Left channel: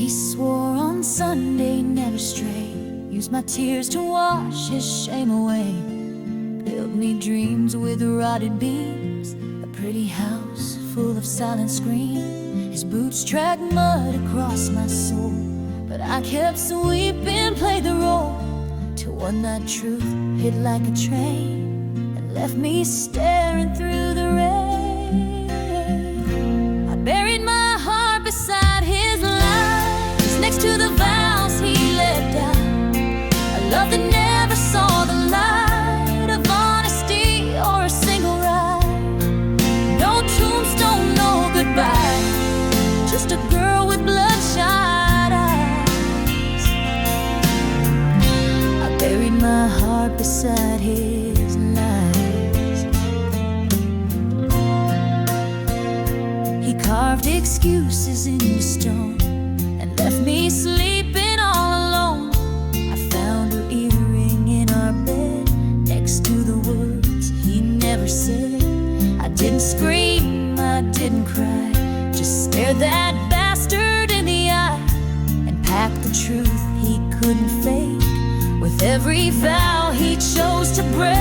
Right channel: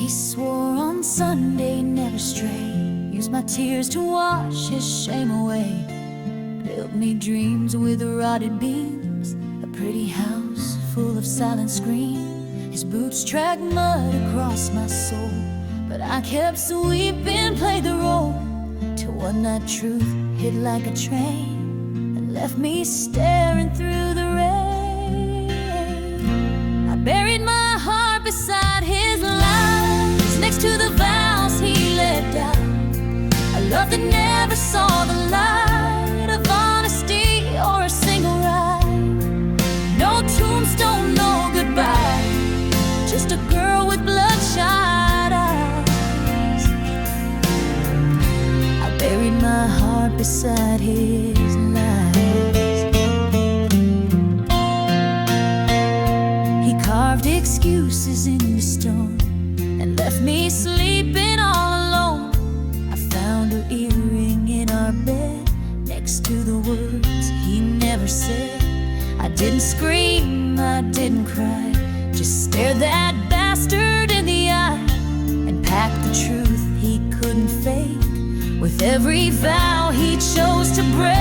He swore on Sunday never stray, used my tears to wash his shame away. Built me dreams with rotted beams, a pretty house full of silent screams. His boots tracked mud across my soul, but I kept sweeping, played the role, till one night truth hit like a train and left me staring through the rain. I buried my heart beside his lies, next to the vows he let down, a love that never saw the light of honesty or a single ride. No tombstone, no goodbye, just a girl with bloodshot eyes. I buried my heart beside his lies. He carved excuses into stone and left me sleeping all alone. I found her earring in our bed, next to the words he never said. I didn't scream, I didn't cry, just stared that bastard in the eye and packed the truth he couldn't fake with every vow he chose to break.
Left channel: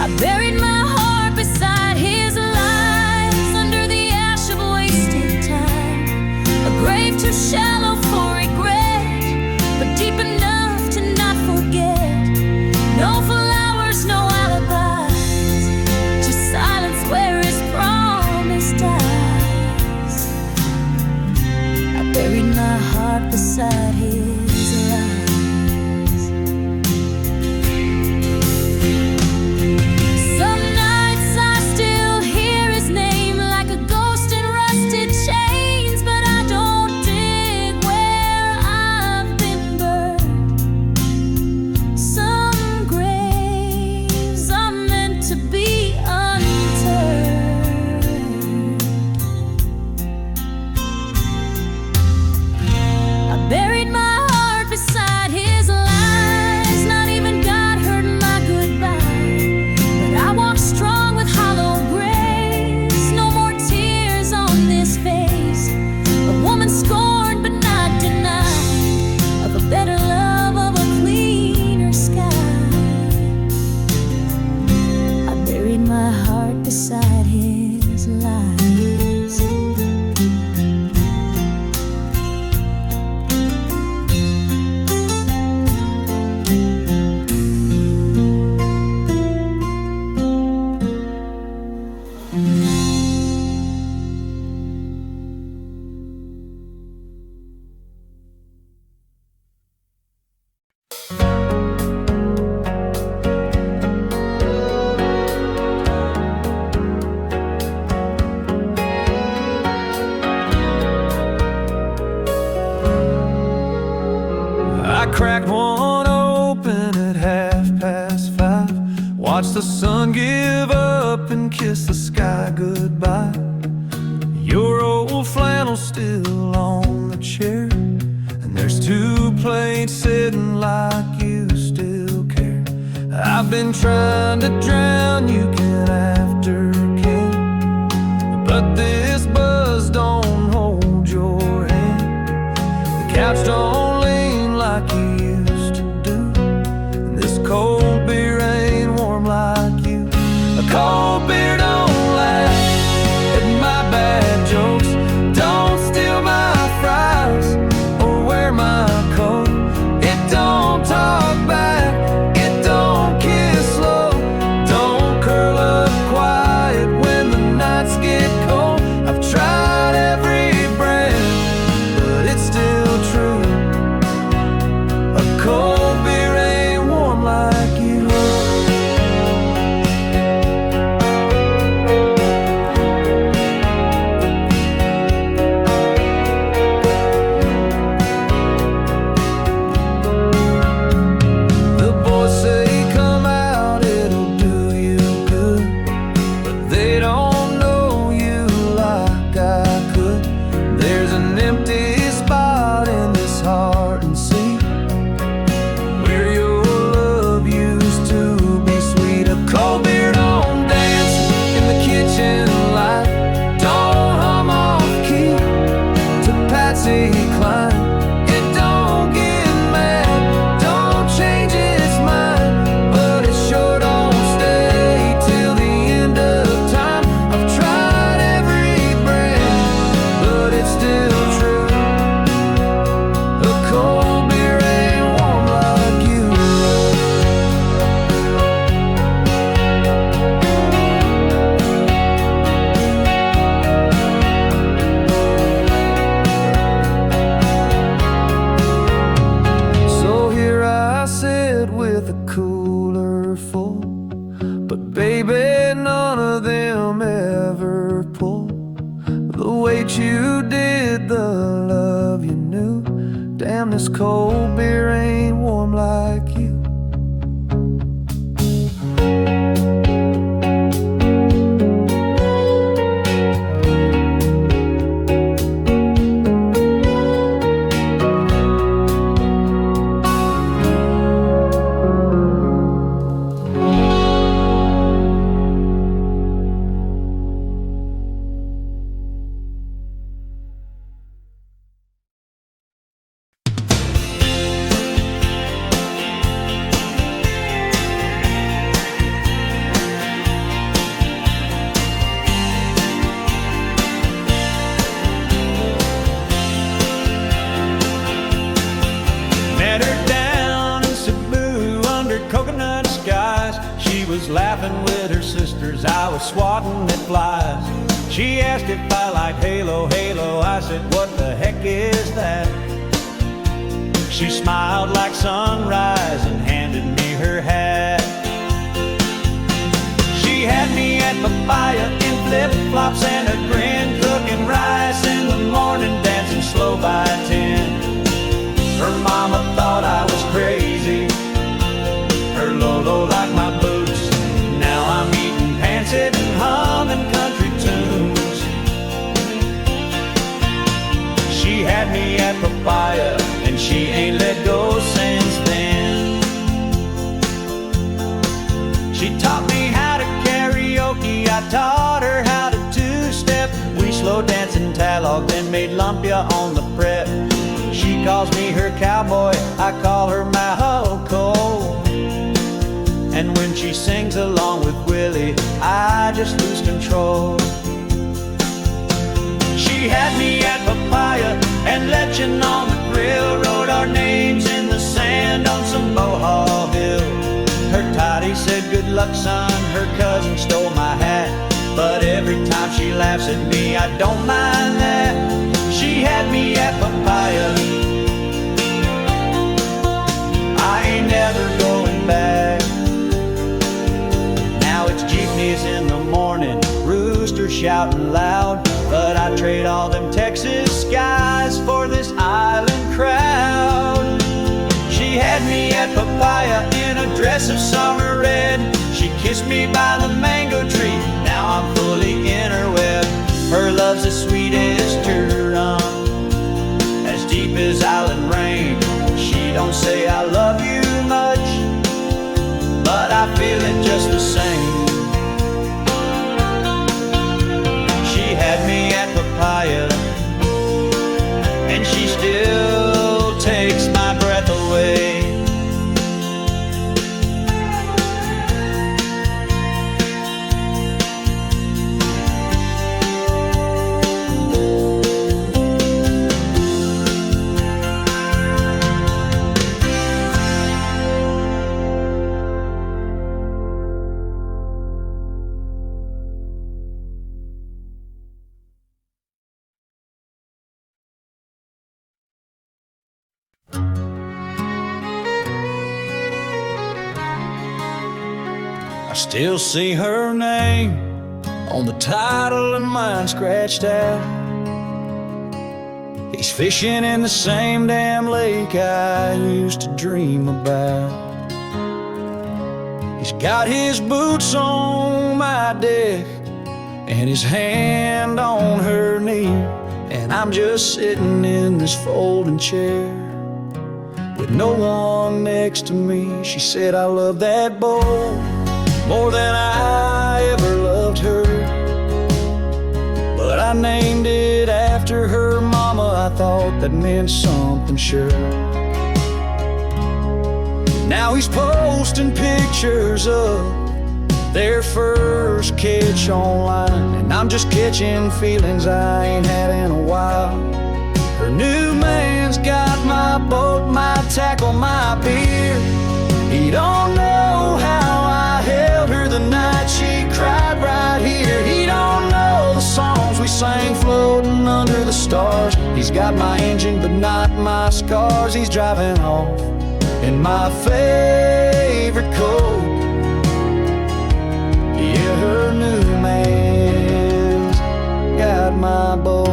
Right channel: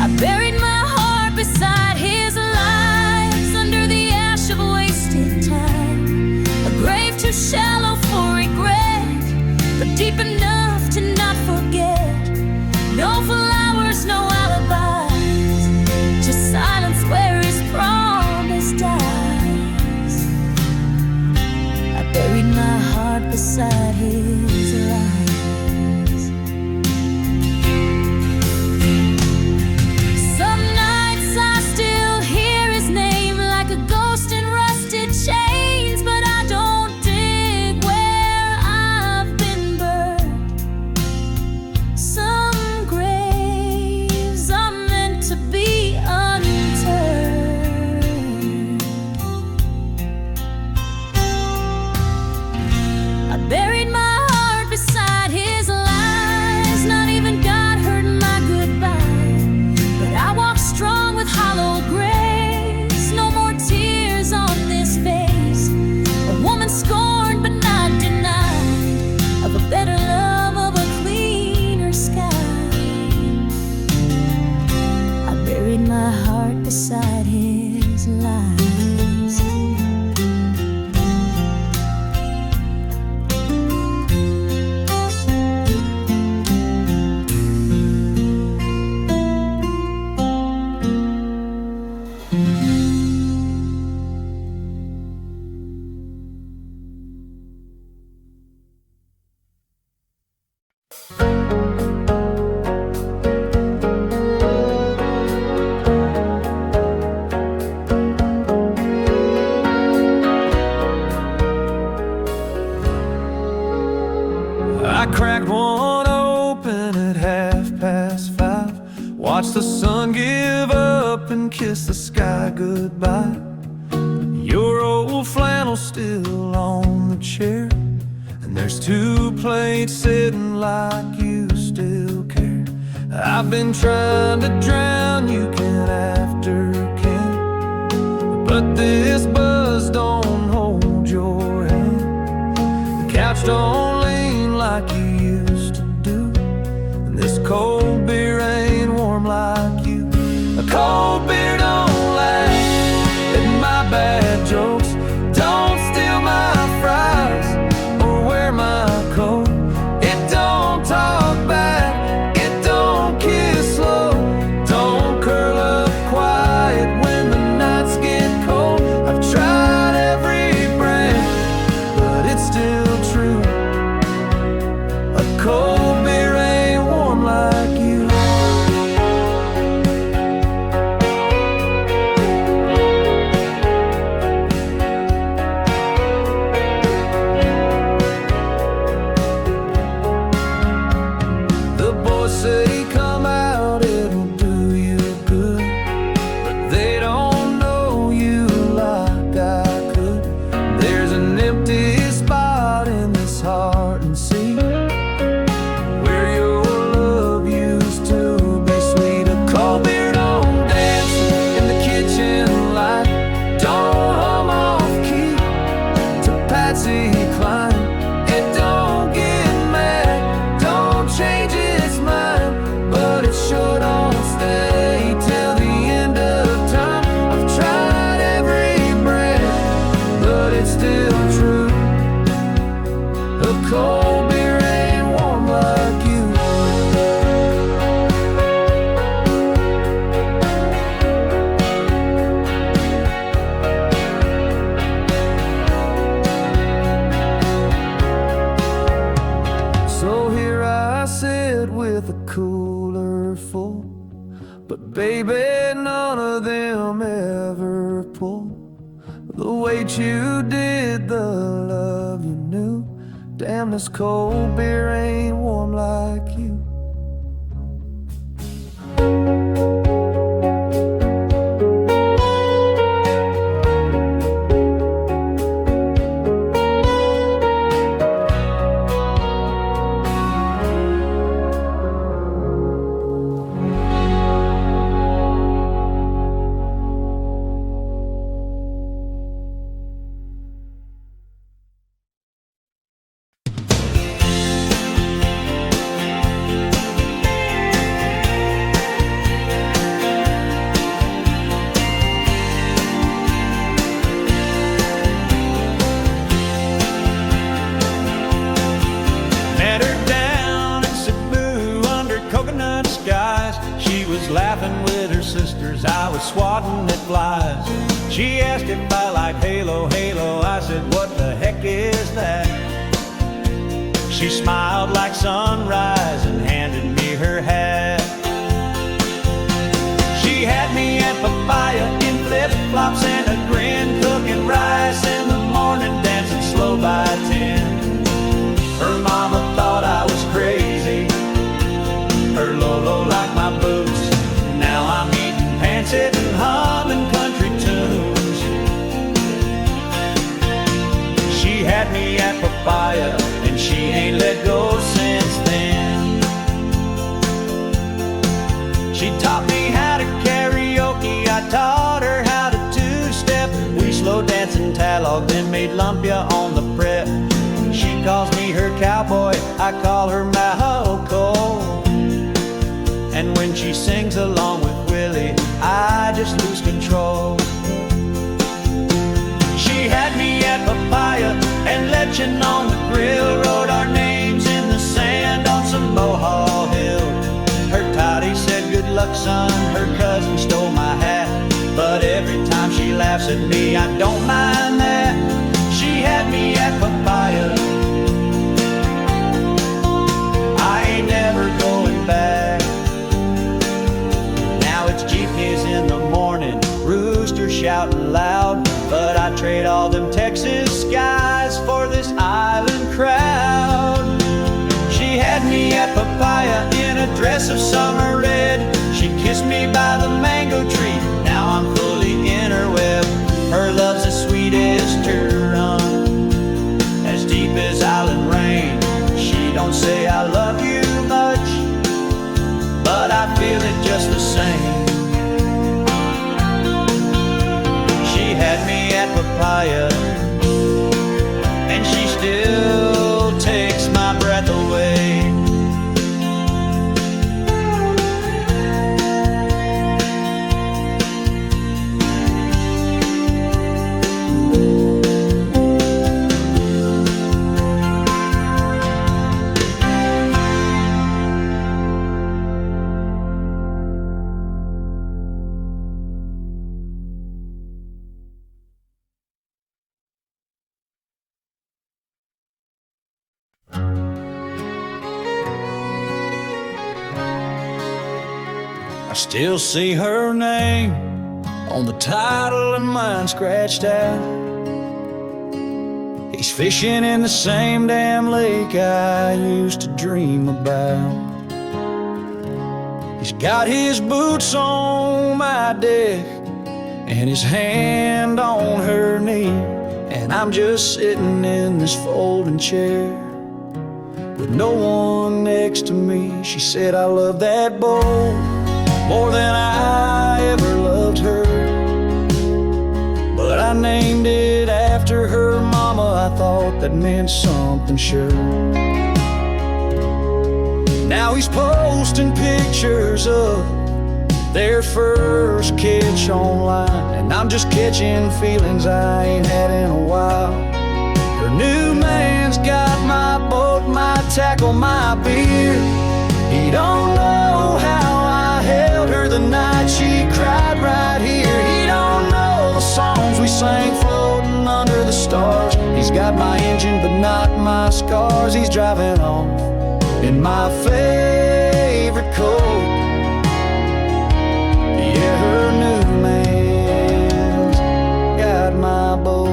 I buried my heart beside his lies, under the ash of wasted time, a grave too shallow for regret, but deep enough to not forget. No flowers, no alibis, just silence where his promise dies. I buried my heart beside his lies. Some nights I still hear his name like a ghost in rusted chains, but I don't dig where I've been burned. Some graves are meant to be unturned. I buried my heart beside his lies, not even God heard my goodbye, but I walk strong with hollow grace. No more tears on this face, a woman scorned but not denied, of a better love, of a cleaner sky. I buried my heart beside his lies. I cracked one open at 5:30, watched the sun give up and kiss the sky goodbye. Your old flannel's still on the chair, and there's 2 plates sitting like you still care. I've been trying to drown you can after can, but this buzz don't hold your hand. The couch don't lean like you used to do, and this cold beer ain't warm like you. A cold beer don't laugh at my bad jokes, don't steal my fries or wear my coat. It don't talk back, it don't kiss slow, don't curl up quiet when the nights get cold. I've tried every brand, but it's still true. A cold beer ain't warm like you. it's still true. A cold beer ain't warm like you. So here I sit with a cooler full, but baby, none of them ever pull the weight you did, the love you knew. Damn, this cold beer ain't warm like you. Met her down in Cebu under coconut skies. She was laughing with her sisters, I was swatting at flies. She asked if I liked Halo, Halo, I said, what the heck is that? She smiled like sunrise and handed me her hat. She had me at Papaya in flip-flops and a grin, cooking rice in the morning, dancing slow by 10. Her mama thought I was crazy, her Lolo liked my boots. Now I'm eating pancit and humming country tunes. She had me at Papaya and she ain't let go since then. She taught me how to karaoke, I taught her how to two-step. We slow dance in Talog, then made lumpia on the prep. She calls me her cowboy, I call her Mahoko. And when she sings along with Willie, I just lose control. She had me at Papaya and lechon on the grill, wrote our names in the sand on some Bohol Hill. Her toddy said, good luck son, her cousin stole my hat. But every time she laughs at me, I don't mind that. She had me at Papaya, I ain't never going back. Now it's jeepneys in the morning, rooster shouting loud, but I trade all them Texas skies for this island crowd. She had me at Papaya in a dress of summer red. She kissed me by the mango tree, now I'm fully in her web. Her love's as sweet as Turon, as deep as island rain. She don't say I love you much, but I feel it just the same. She had me at Papaya, and she still takes my breath away. I still see her name on the title and mine scratched out. He's fishing in the same damn lake I used to dream about. He's got his boots on my deck and his hand on her knee, and I'm just sitting in this folding chair with no one next to me. She said, I love that boat more than I ever loved her, but I named it after her mama. I thought that meant something, sure. Now he's posting pictures of their first catch online, and I'm just catching feelings I ain't had in a while. He's got my engine but not my scars. He's driving off in my favorite coat. Yeah, her new man's got my boat.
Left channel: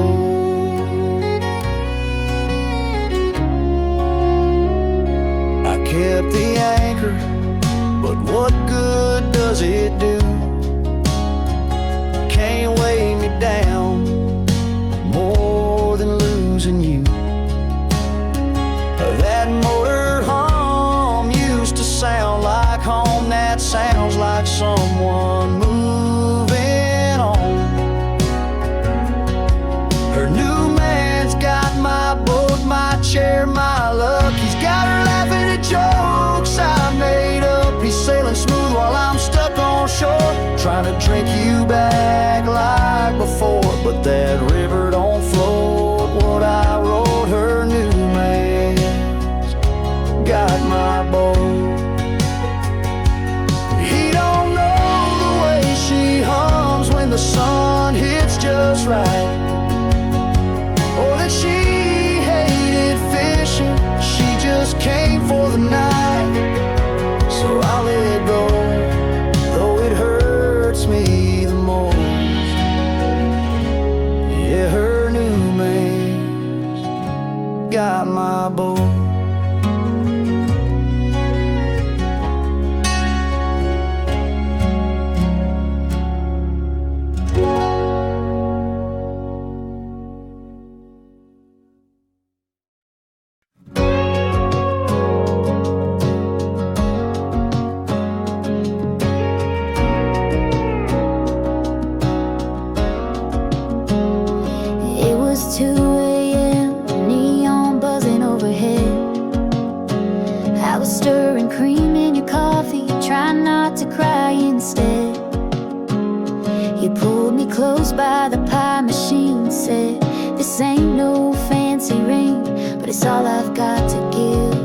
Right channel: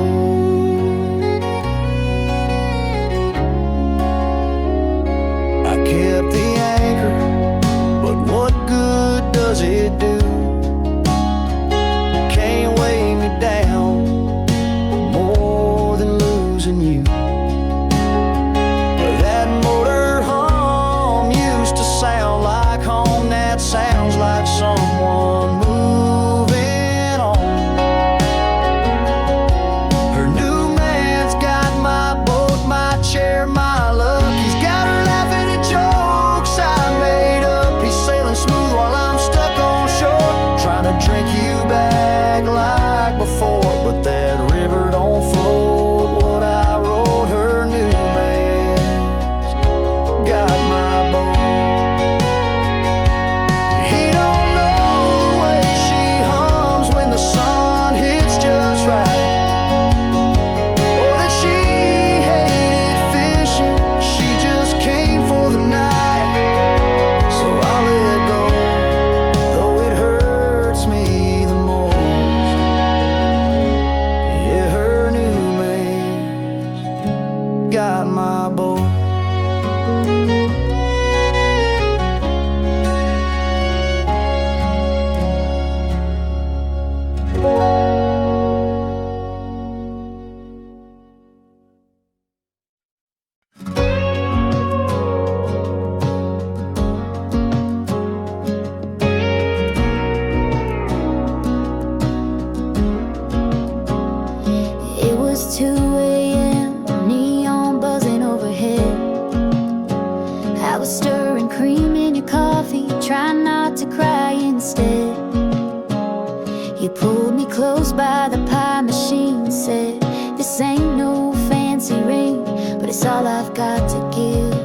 I kept the anchor, but what good does it do? Can't weigh me down more than losing you. That motor hum used to sound like home. That sounds like someone moving on. Her new man's got my boat, my chair, my luck. He's got her laughing at jokes I made up. He's sailing smooth while I'm stuck on shore, trying to drink you back like before. But that river don't float what I wrote. Her new man's got my boat. He don't know the way she hums when the sun hits just right, or that she hated fishing, she just came for the night. So I'll let go, though it hurts me the most. Yeah, her new man's got my boat. It was 2 a.m., neon buzzing overhead. I was stirring cream in your coffee, trying not to cry instead. You pulled me close by the pie machine, said, "This ain't no fancy ring, but it's all I've got to give."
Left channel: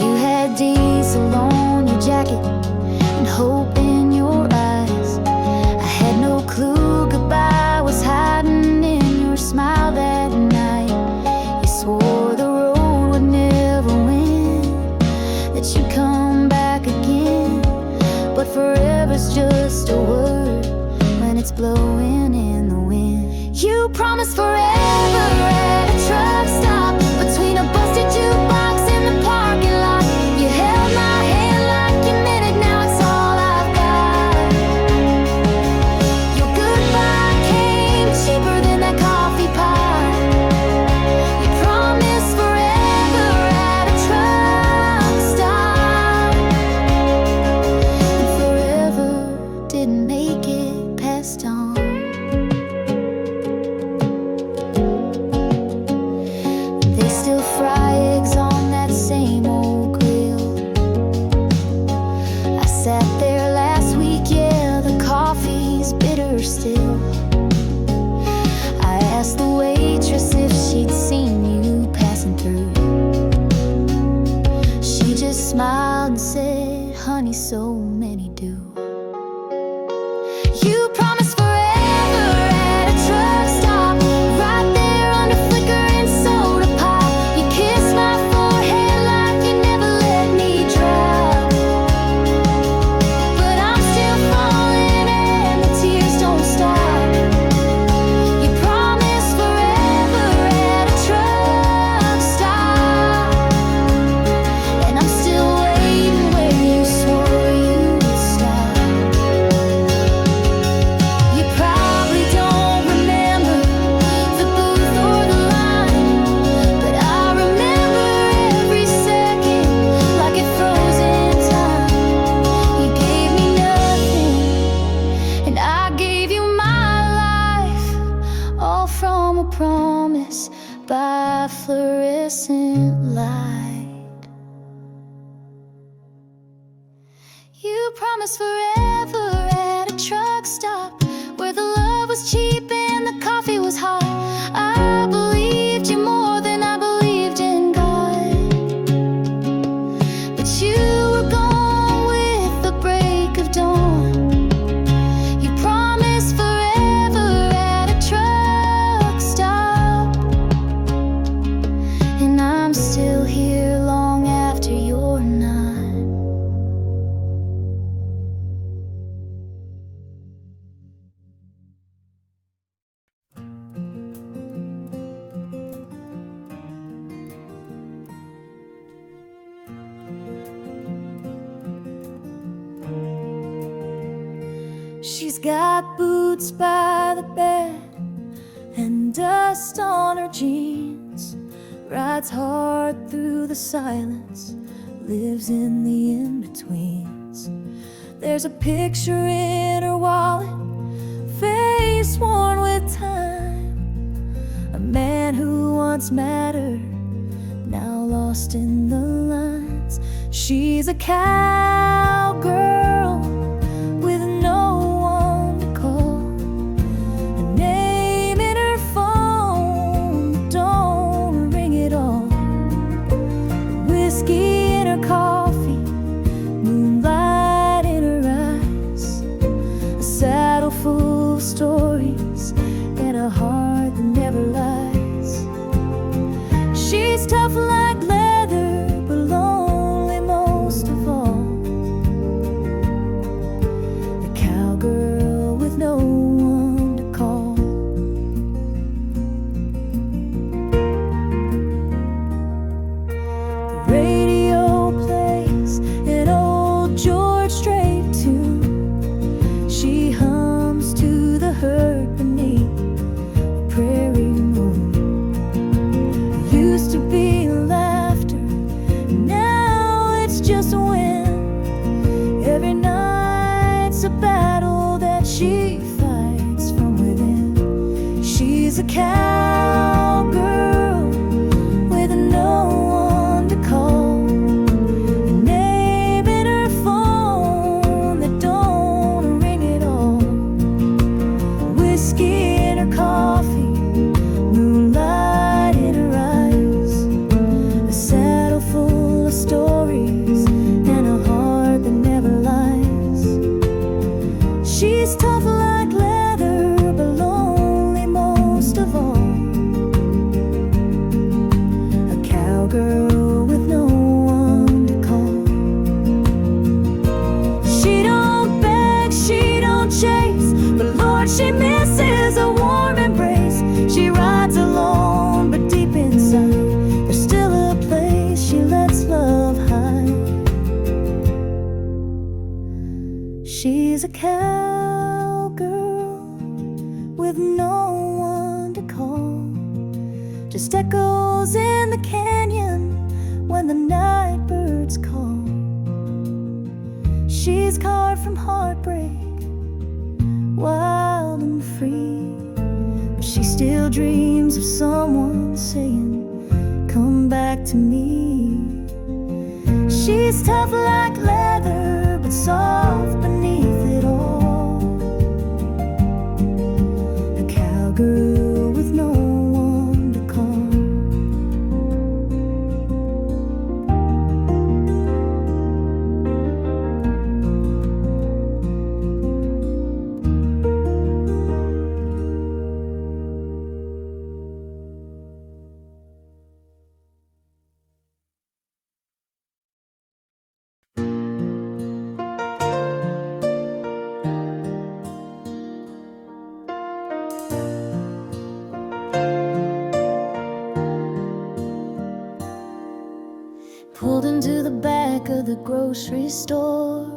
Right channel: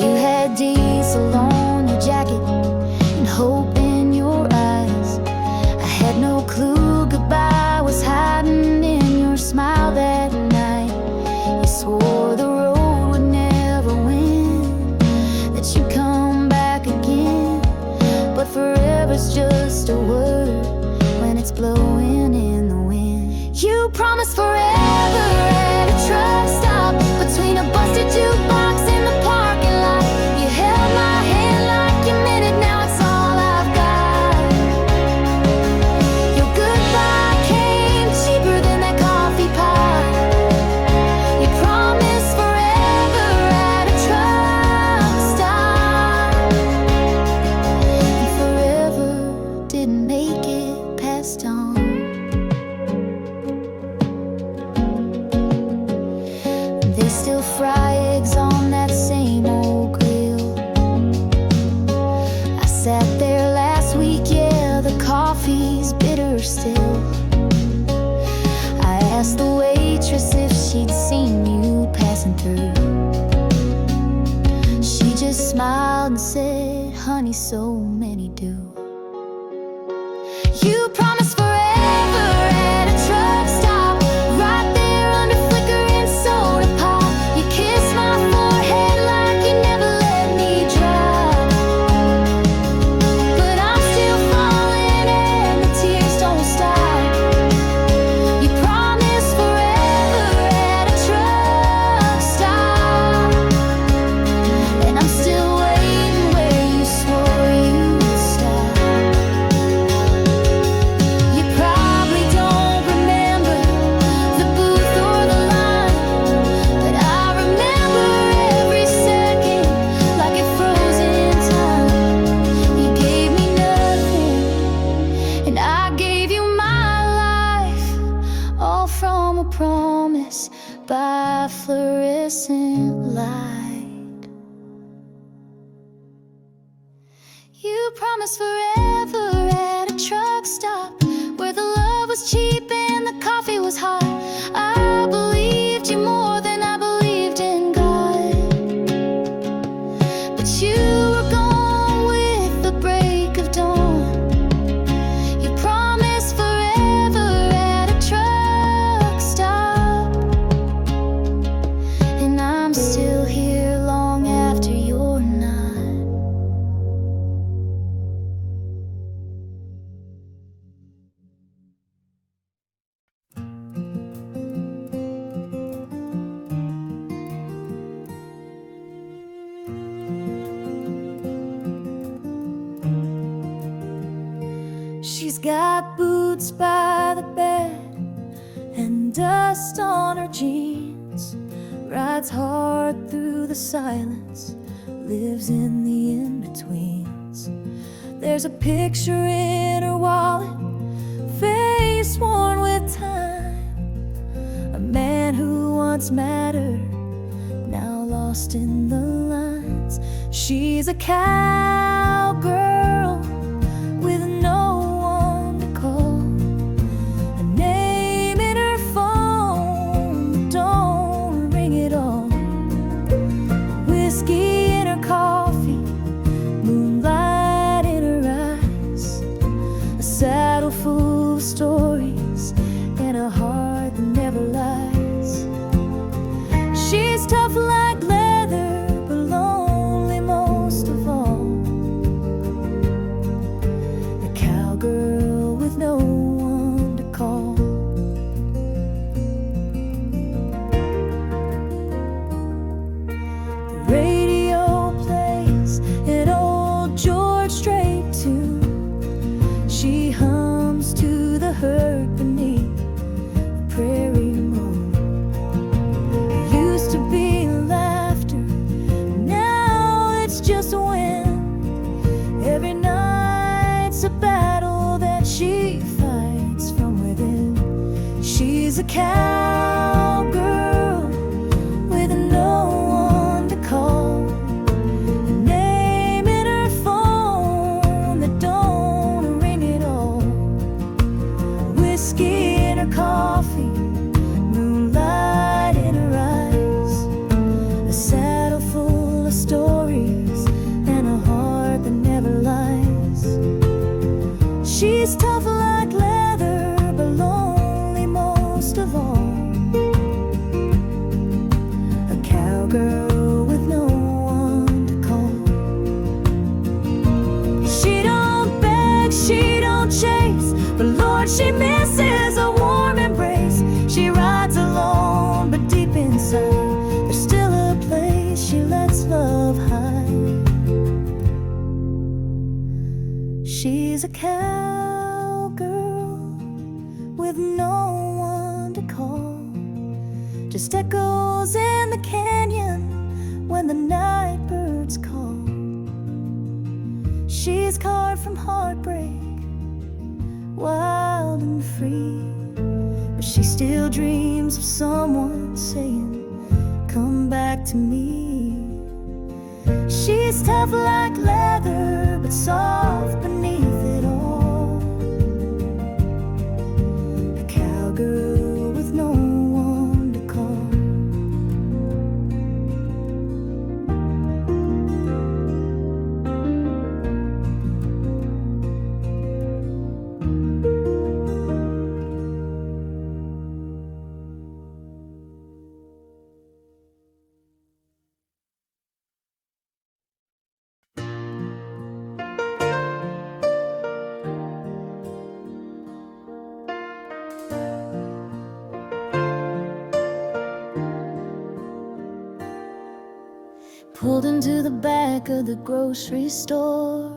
You had diesel on your jacket and hope in your eyes. I had no clue goodbye was hiding in your smile that night. You swore the road would never win, that you'd come back again. But forever's just a word when it's blowing in the wind. You promised forever at a truck stop, between a busted jukebox in the parking lot. You held my hand like you meant it, now it's all I've got. Your goodbye came cheaper than that coffee pot. You promised forever at a truck stop, and forever didn't make it past dawn. They still fry eggs on that same old grill. I sat there last week, yeah, the coffee's bitter still. I asked the waitress if she'd seen you passing through. She just smiled and said, "Honey, so many do." You promised forever at a truck stop, right there under flickering soda pop. You kissed my forehead like you never let me drop. But I'm still falling and the tears don't stop. You promised forever at a truck stop, and I'm still waiting where you swore you'd stop. You probably don't remember the booth or the line, but I remember every second like it froze in time. You gave me nothing, and I gave you my life, all from a promise by fluorescent light. You promised forever at a truck stop, where the love was cheap and the coffee was hot. I believed you more than I believed in God, but you were gone with the break of dawn. You promised forever got boots by the bed and dust on her jeans, rides hard through the silence, lives in the in-betweens. There's a picture in her wallet, face worn with time, a man who once mattered, now lost in the lines. She's a cowgirl with no one to call, a name in her phone that don't ring at all. Whiskey in her coffee, moonlight in her eyes, a saddle full of stories and a heart that never lies. She's tough like leather, but lonely most of all, a cowgirl with no one to call. The radio plays an old George Strait tune. She hums to the hurt beneath the prairie moon. There used to be laughter, now it's just a wind. Every night's a battle that she fights from within. She's a cowgirl with no one to call, a name in her phone that don't ring at all. Whiskey in her coffee, moonlight in her eyes, a saddle full of stories and a heart that never lies. She's tough like leather, but lonely most of all, a cowgirl with no one to call. She don't beg, she don't chase, but Lord, she misses a warm embrace. She rides alone, but deep inside there's still a place she lets love hide. She's a cowgirl with no one to call, just echoes in the canyon when the night birds call. She's carved from heartbreak, wild and free, but she still dreams of someone saying, come back to me. She's tough like leather, but soft beneath it all, a cowgirl with no one to call. Pulled into the back of the grocery store,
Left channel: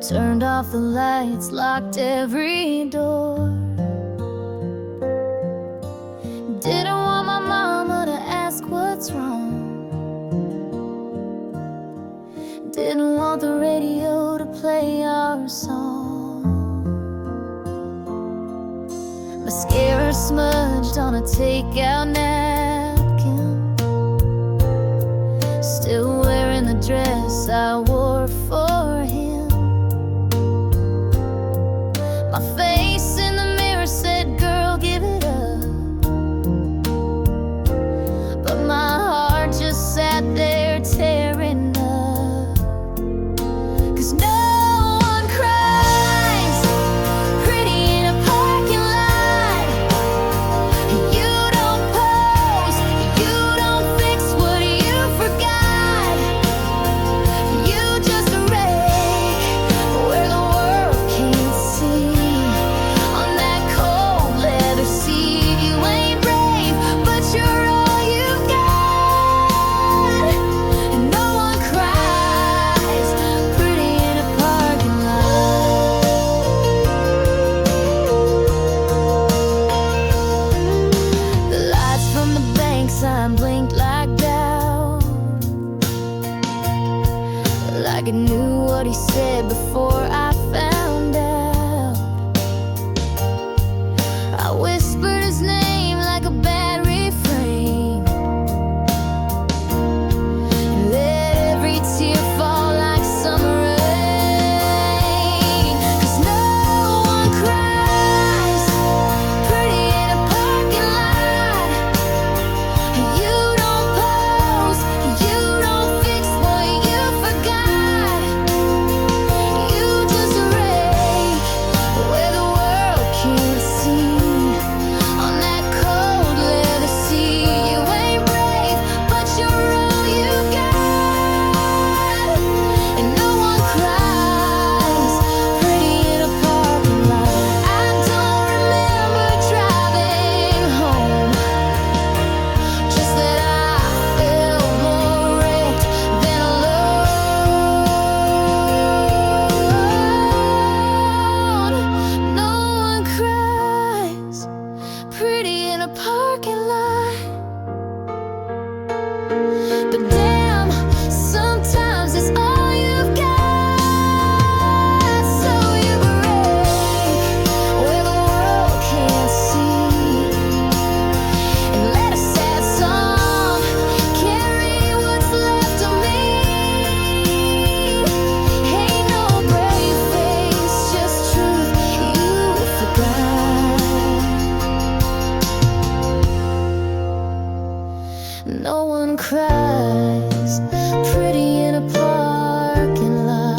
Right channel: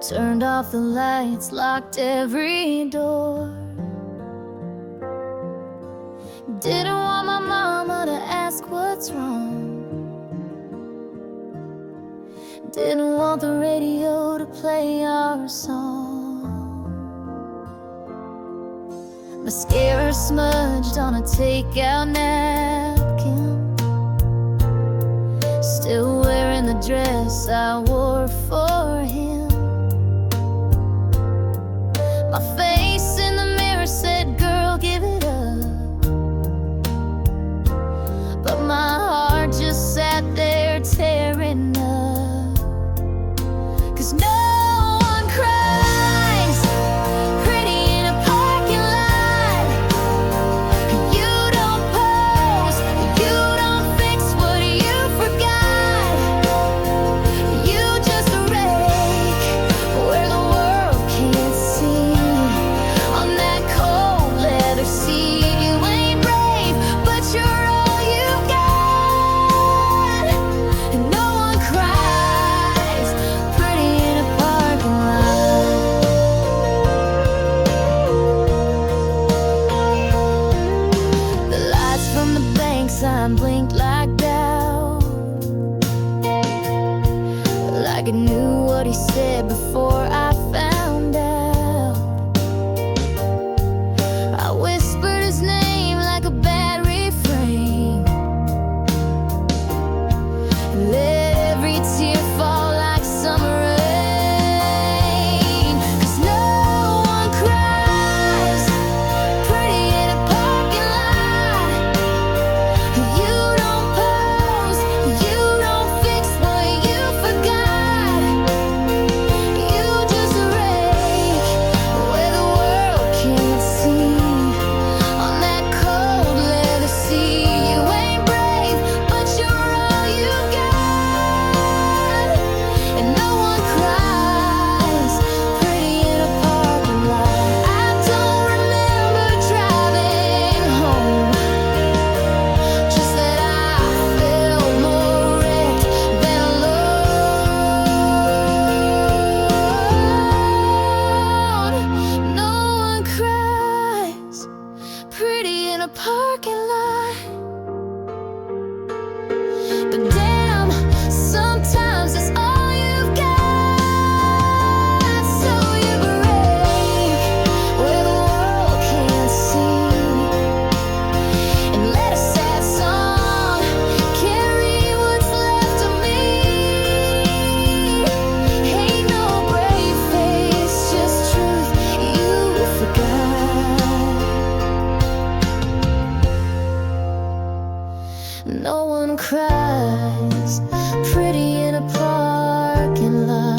turned off the lights, locked every door. Didn't want my mama to ask what's wrong, didn't want the radio to play our song. Mascara smudged on a takeout napkin, still wearing the dress I wore for him. My face in the mirror said, girl, give it up, but my heart just sat there tearing up. 'Cause no one cries pretty in a parking lot. You don't pose, you don't fix what you forgot. You just rake where the world can't see. But damn, sometimes it's all you've got. So you break where the world can't see, and let a sad song carry what's left of me. Ain't no brave face, just truth you forgot. No one cries pretty in a parking lot.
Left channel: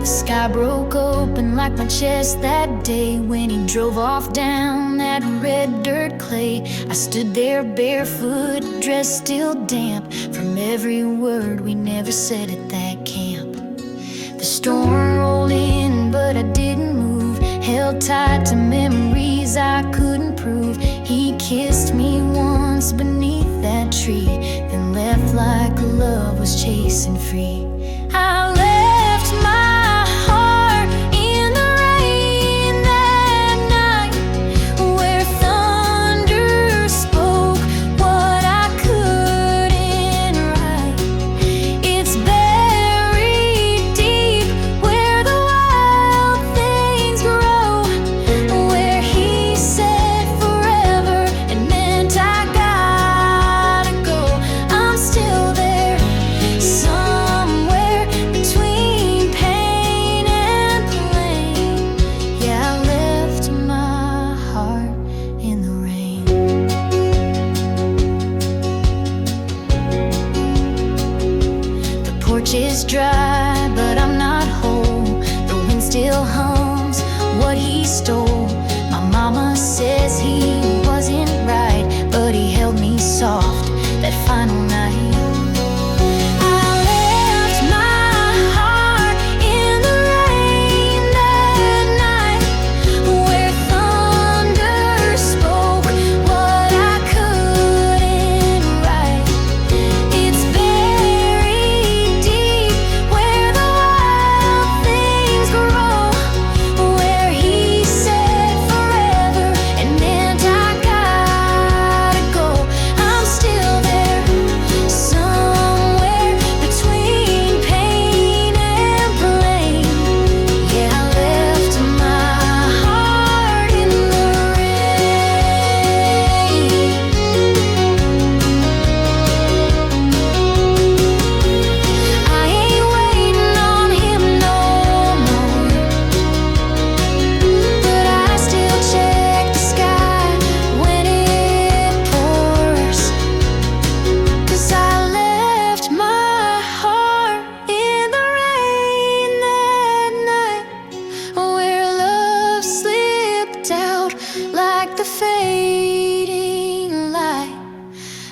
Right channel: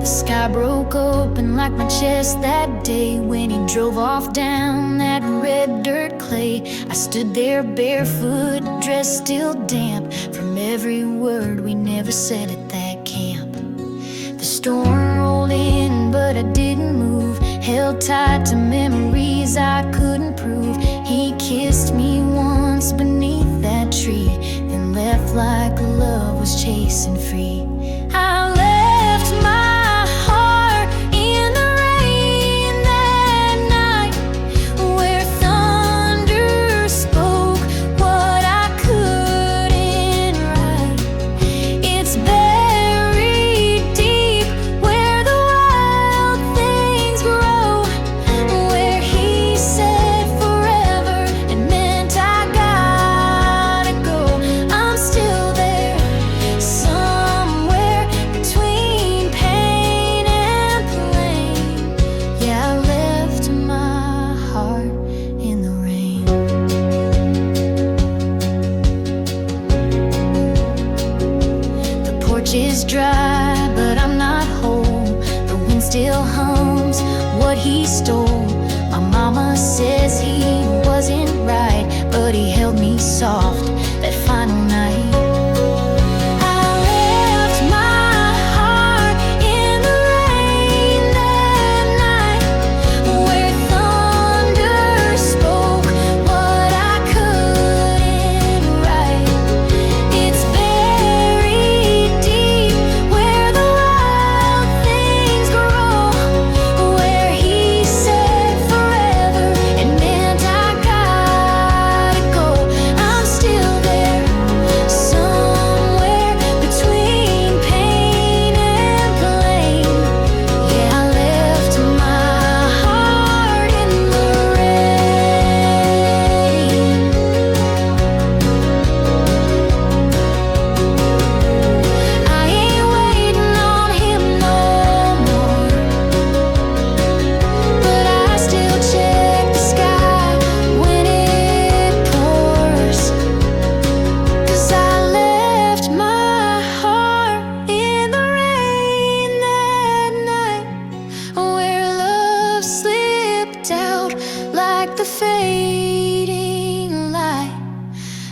The sky broke open like my chest that day when he drove off down that red dirt clay. I stood there barefoot, dressed still damp from every word we never said at that camp. The storm rolled in, but I didn't move, held tight to memories I couldn't prove. He kissed me once beneath that tree, then left like love was chasing free. I left my heart in the rain that night, where thunder spoke what I couldn't write. It's buried deep where the wild things grow, where he said forever it meant I gotta go. I'm still there, somewhere between pain and plain. Yeah, I left my heart in the rain. The porch is dry, but I'm not whole. The wind still hums what he stole. My mama says he wasn't right, but he held me soft that final night. I left my heart in the rain that night, where thunder spoke what I couldn't write. It's buried deep where the wild things grow, where he said forever it meant I gotta go. I'm still there, somewhere between pain and plain. Yeah, I left my heart in the rain. I ain't waiting on him no more, but I still check the sky when it pours. 'Cause I left my heart in the rain that night, where love slipped out like the fading light.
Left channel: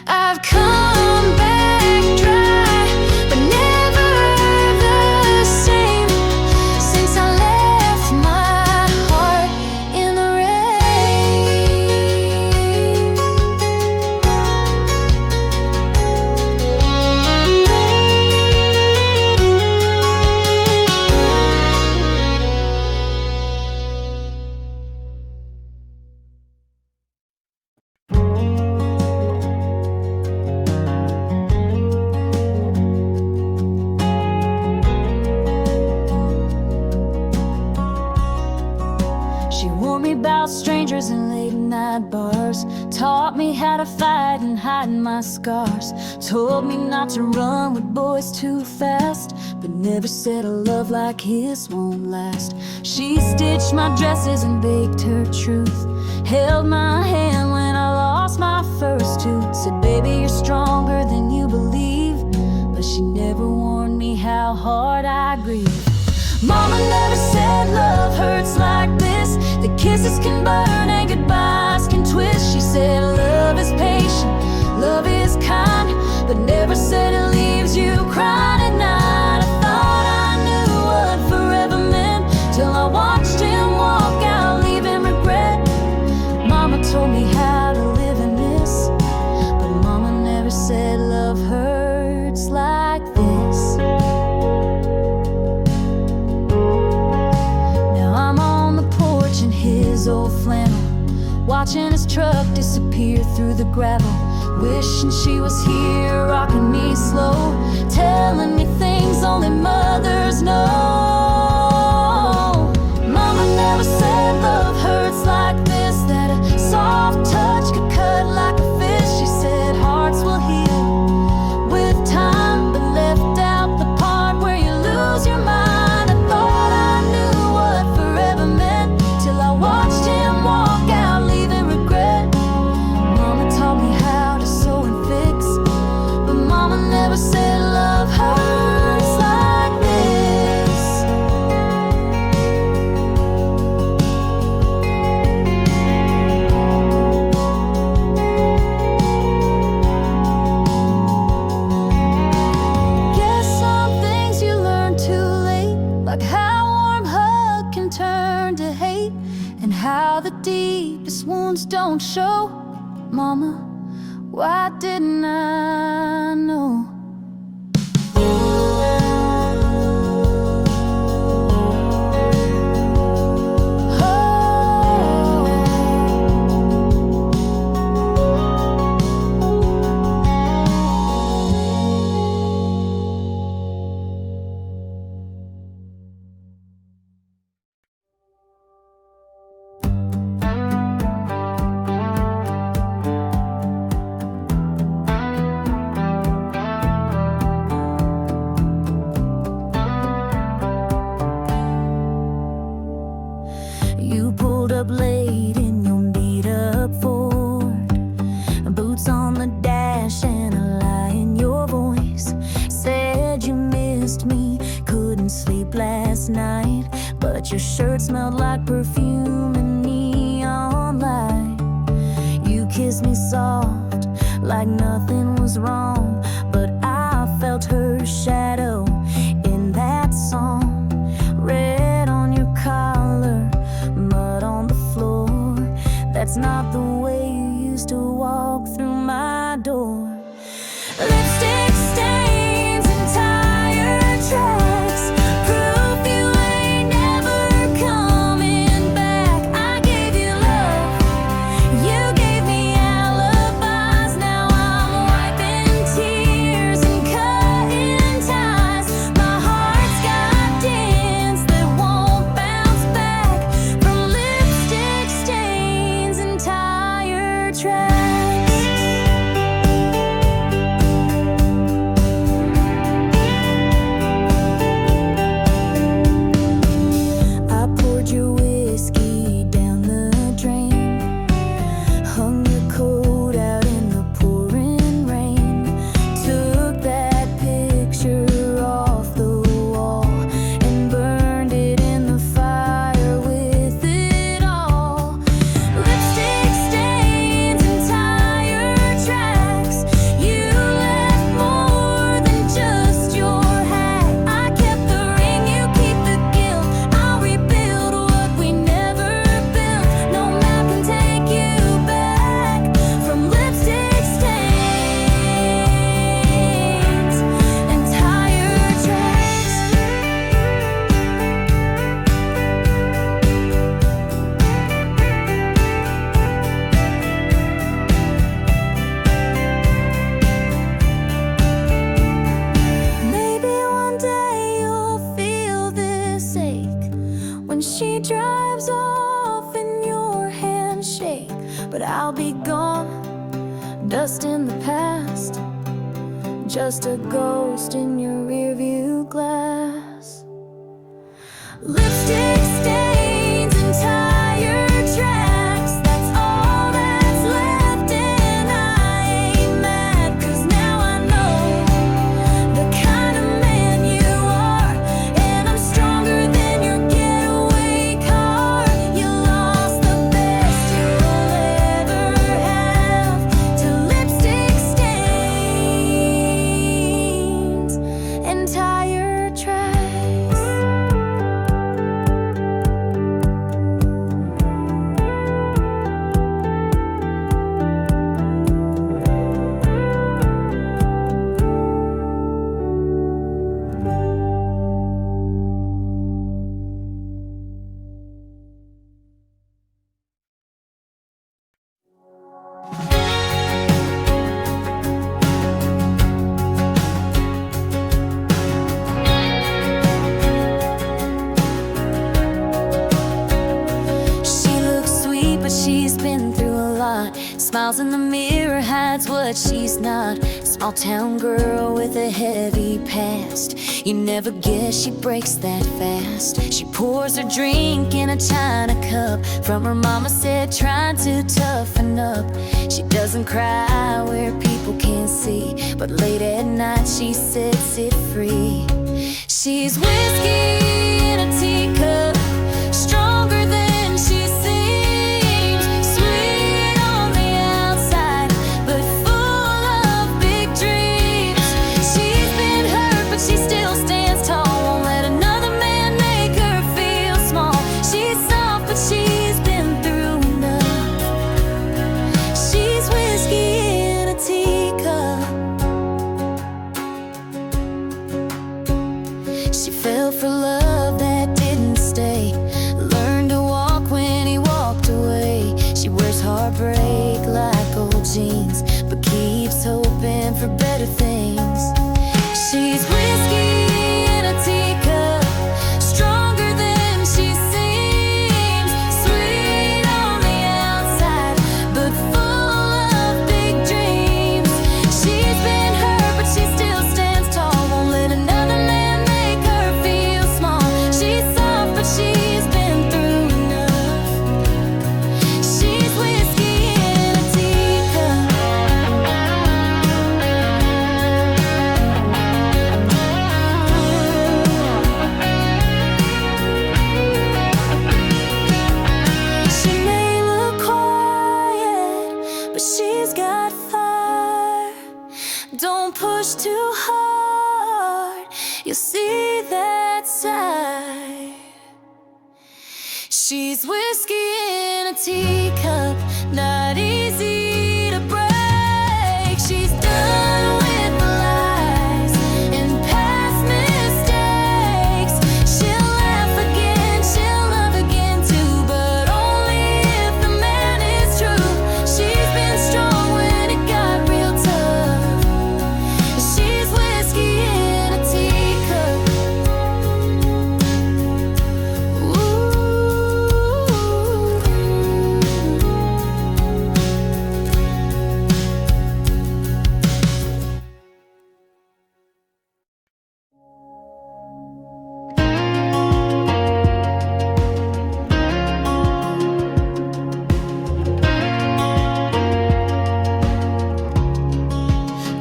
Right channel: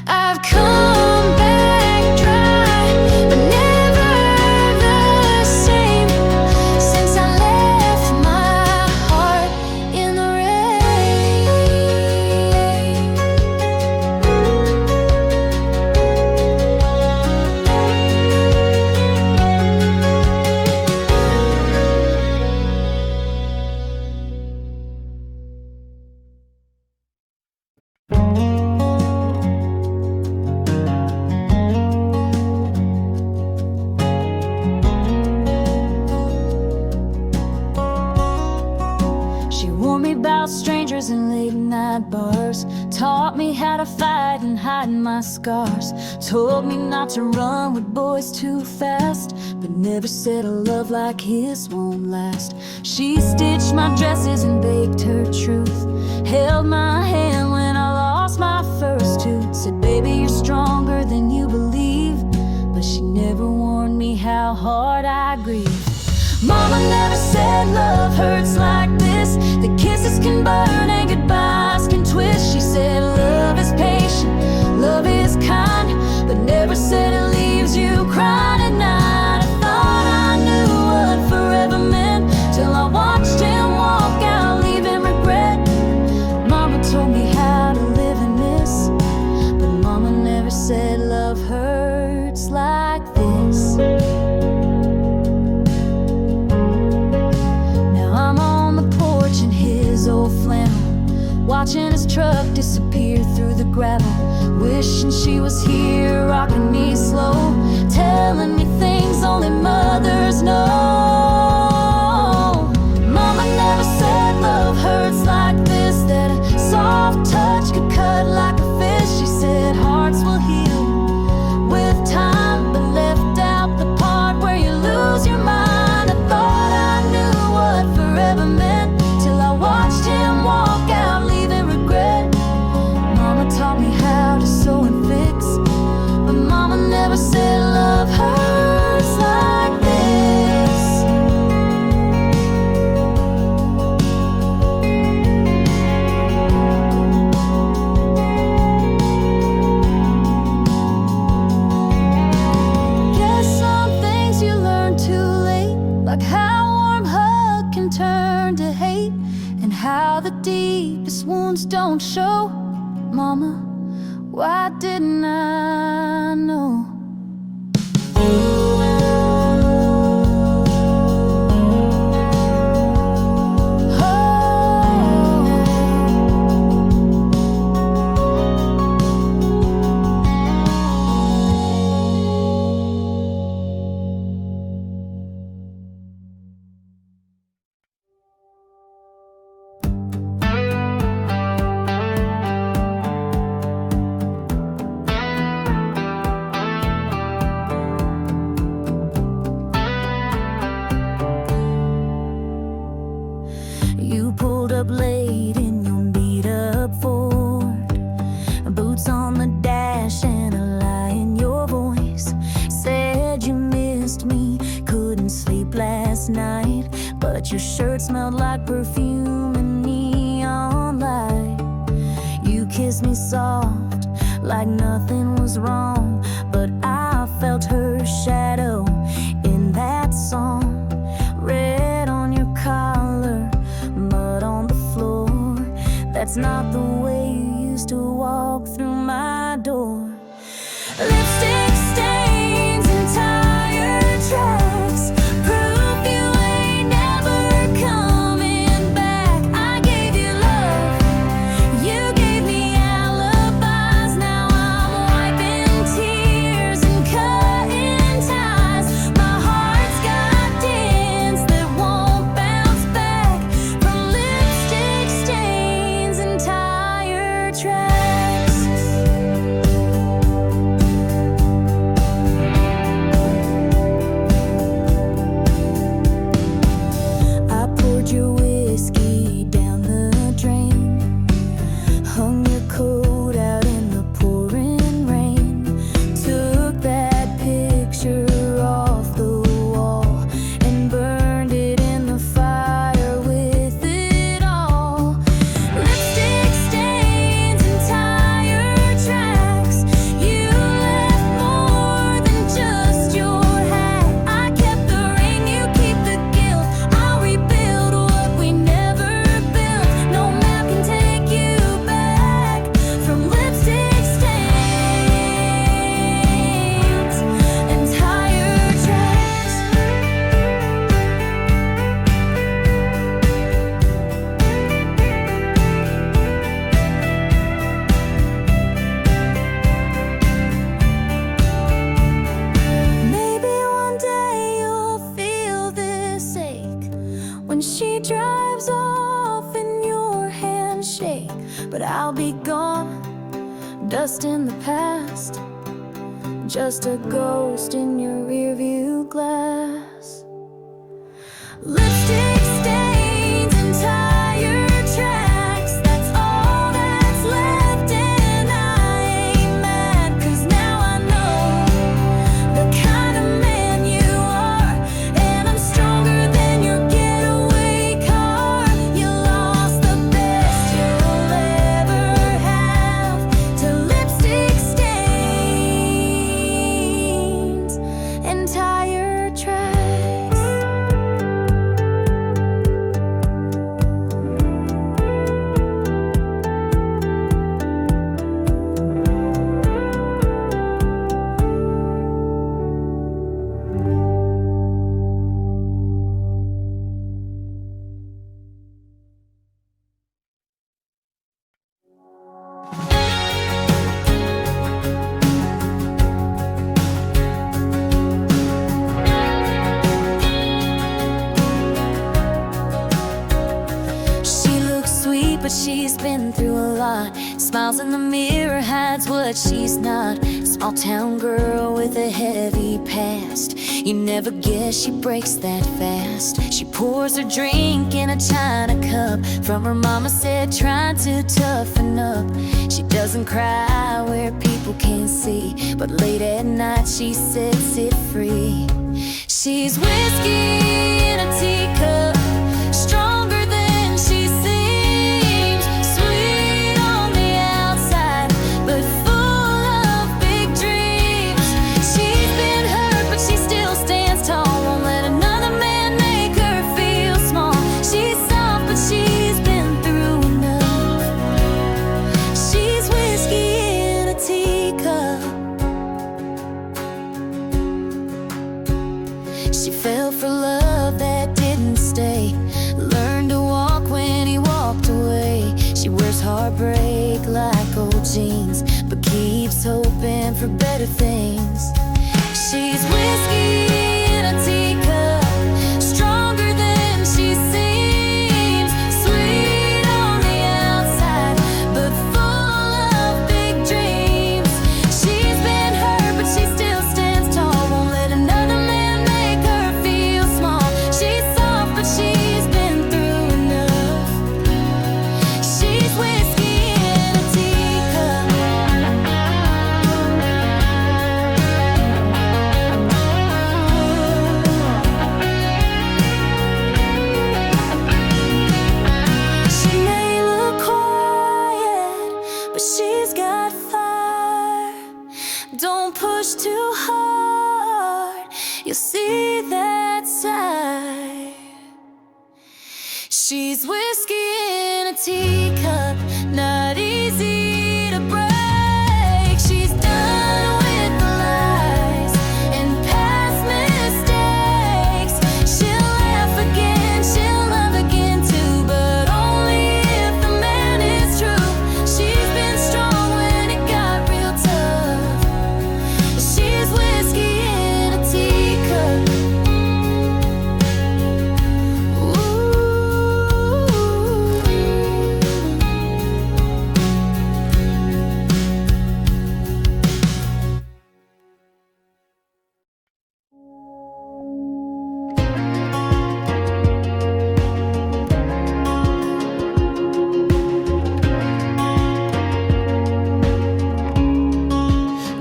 I've come back dry, but never the same, since I left my heart in the rain. She warned me about strangers in late night bars, taught me how to fight and hide my scars, told me not to run with boys too fast, but never said a love like his won't last. She stitched my dresses and baked her truth, held my hand when I lost my first tooth, said, baby, you're stronger than you believe, but she never warned me how hard I grieve. Mama never said love hurts like this, that kisses can burn and goodbyes can twist. She said love is patient, love is kind, but never said it leaves you crying at night. I thought I knew what forever meant, till I watched him walk out leaving regret. Mama told me how to live and miss, but Mama never said love hurts like this. Now I'm on the porch in his old flannel, watching his truck disappear through the gravel, wishing she was here, rocking me slow, telling me things only mothers know. Mama never said love hurts like this, that a soft touch could cut like a fish. She said hearts will heal with time, but left out the part where you lose your mind. I thought I knew what forever meant, till I watched him walk out leaving regret. Mama taught me how to sew and fix, but Mama never said love hurts like this. Guess some things you learn too late, like how a warm hug can turn to hate, and how the deepest wounds don't show. Mama, why didn't I know? You pulled up late in your beat-up Ford, boots on the dash and a lie in your voice. Said you missed me, couldn't sleep last night, but your shirt smelled like perfume and neon light. You kissed me soft, like nothing was wrong, but I felt her shadow in that song. Red on your collar, mud on the floor. That's not the way you used to walk through my door. Lipstick stains and tire tracks, proof you ain't never coming back. I gave you love, you gave me alibis. Now I'm wiping tears and cutting ties. My heart's got dents that won't bounce back from lipstick stains and tire tracks. I poured your whiskey down the drain, hung your coat out in the pouring rain, took that picture off the wall and burned it in the fire with it all. Lipstick stains and tire tracks, you left more than just your hat. I kept the ring, you keep the guilt. I'll rebuild what we never built. No map can take you back from lipstick stains and tire tracks. Maybe one day you'll feel this ache when she drives off and your hands shake. But I'll be gone, dust in the past, just a ghost in your rearview glass. Lipstick stains and tire tracks, that's all that's left, and I ain't mad, 'cause now I know the kind of man you are, and I'm stronger than but she's been through a lot. Smiles in the mirror, hides what she's not. Small town girl with a heavy past. You never guess she breaks that fast. She pours her drink in a china cup. From her mama said, trying to toughen up. She doesn't cry where people can't see, but late at night she sets it free. She's whiskey in a teacup, stronger than she seems. Sweet on the outside, but full of big dreams. She's been hurt, but she still stands tall. Won't let another man make her feel small. She's soft, but she's been through enough. She's whiskey in a teacup. She fell for love that didn't stay, learned to walk when he walked away. She wears heartbreak like old jeans, but keeps hoping for better things. She's whiskey in a teacup, stronger than she seems. Sweet on the outside, but full of big dreams. She's been hurt, but she still stands tall. Won't let another man make her feel small. She's soft, but she's been through enough. She's whiskey in a teacup. She may look quiet, but she's got fire. Don't push too hard, you'll see that side. She's whiskey in a teacup, not easy to break. She's done with the lies and past mistakes. She'll laugh again, she'll love again too, but only if the man is true. She's been strong when it got real tough. She's whiskey in a teacup.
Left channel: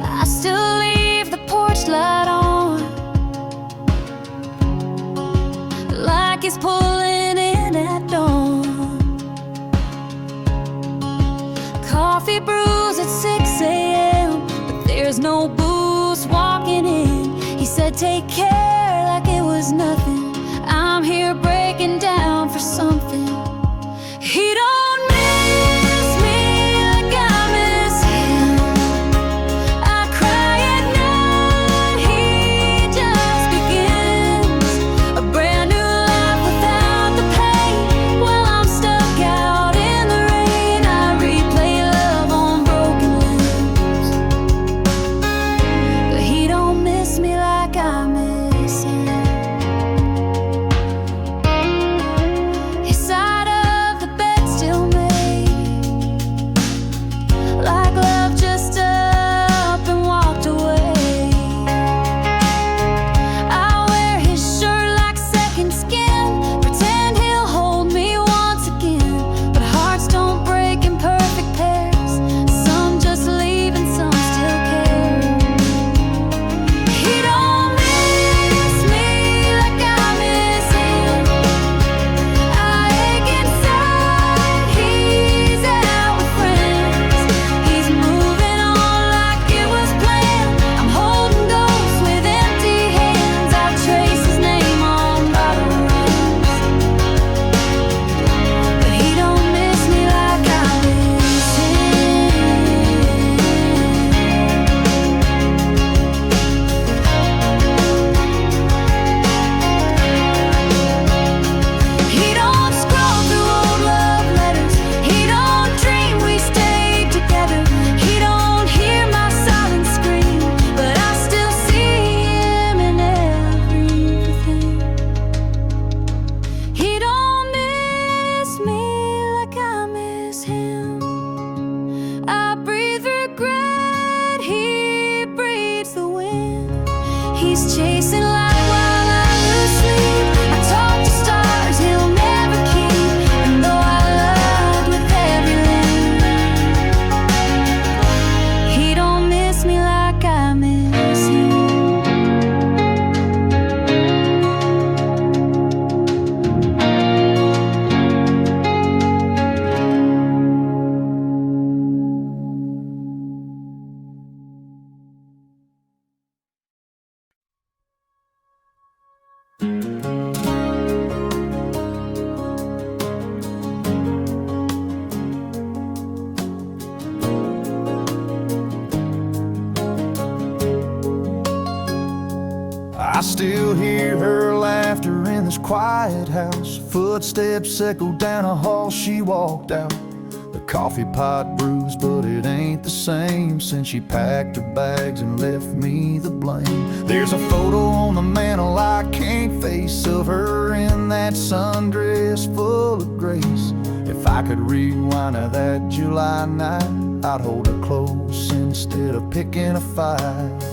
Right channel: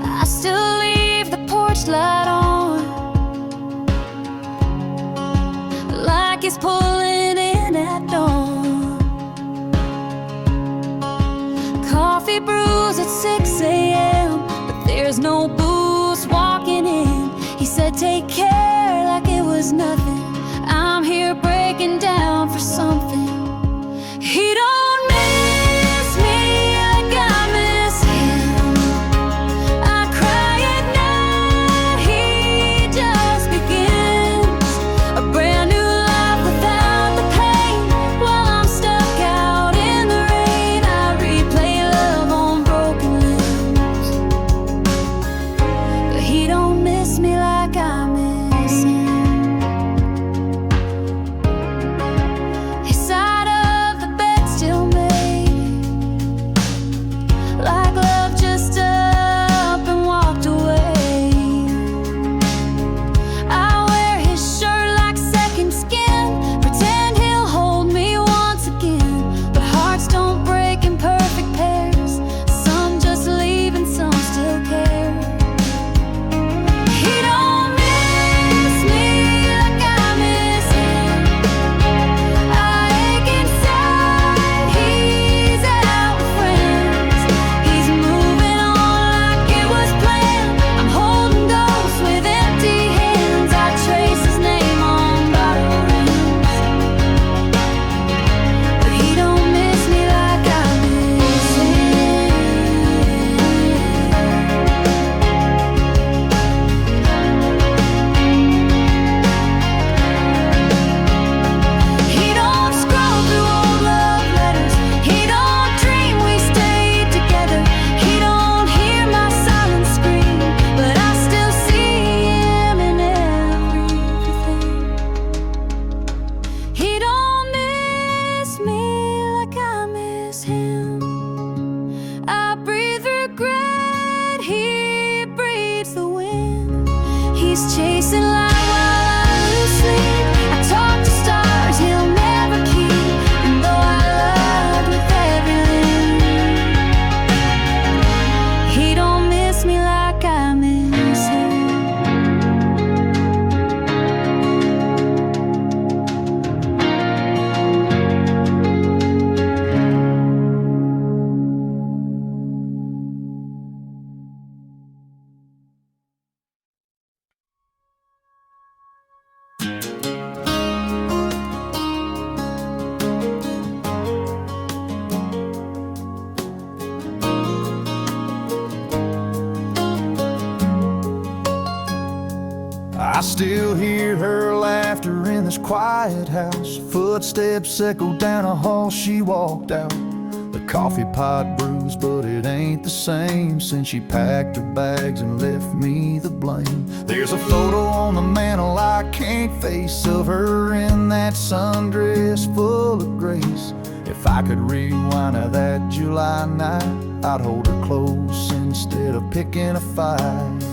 I still leave the porch light on, like it's pulling in at dawn. Coffee brews at 6 a.m., but there's no booze walking in. He said, take care like it was nothing. I'm here breaking down for something. He don't miss me like I miss him. I cry at night, he just begins a brand new life without the pain. While I'm stuck out in the rain, I replay love on broken limbs. But he don't miss me like I miss him. His side of the bed still I still hear her laughter in this quiet house. Footsteps echo down a hall she walked out. The coffee pot bruised, but it ain't the same since she packed her bags and left me the blame. There's a photo on the mantle I can't face of her in that sundress full of grace. If I could rewind to that July night, I'd hold her close instead of picking a fight.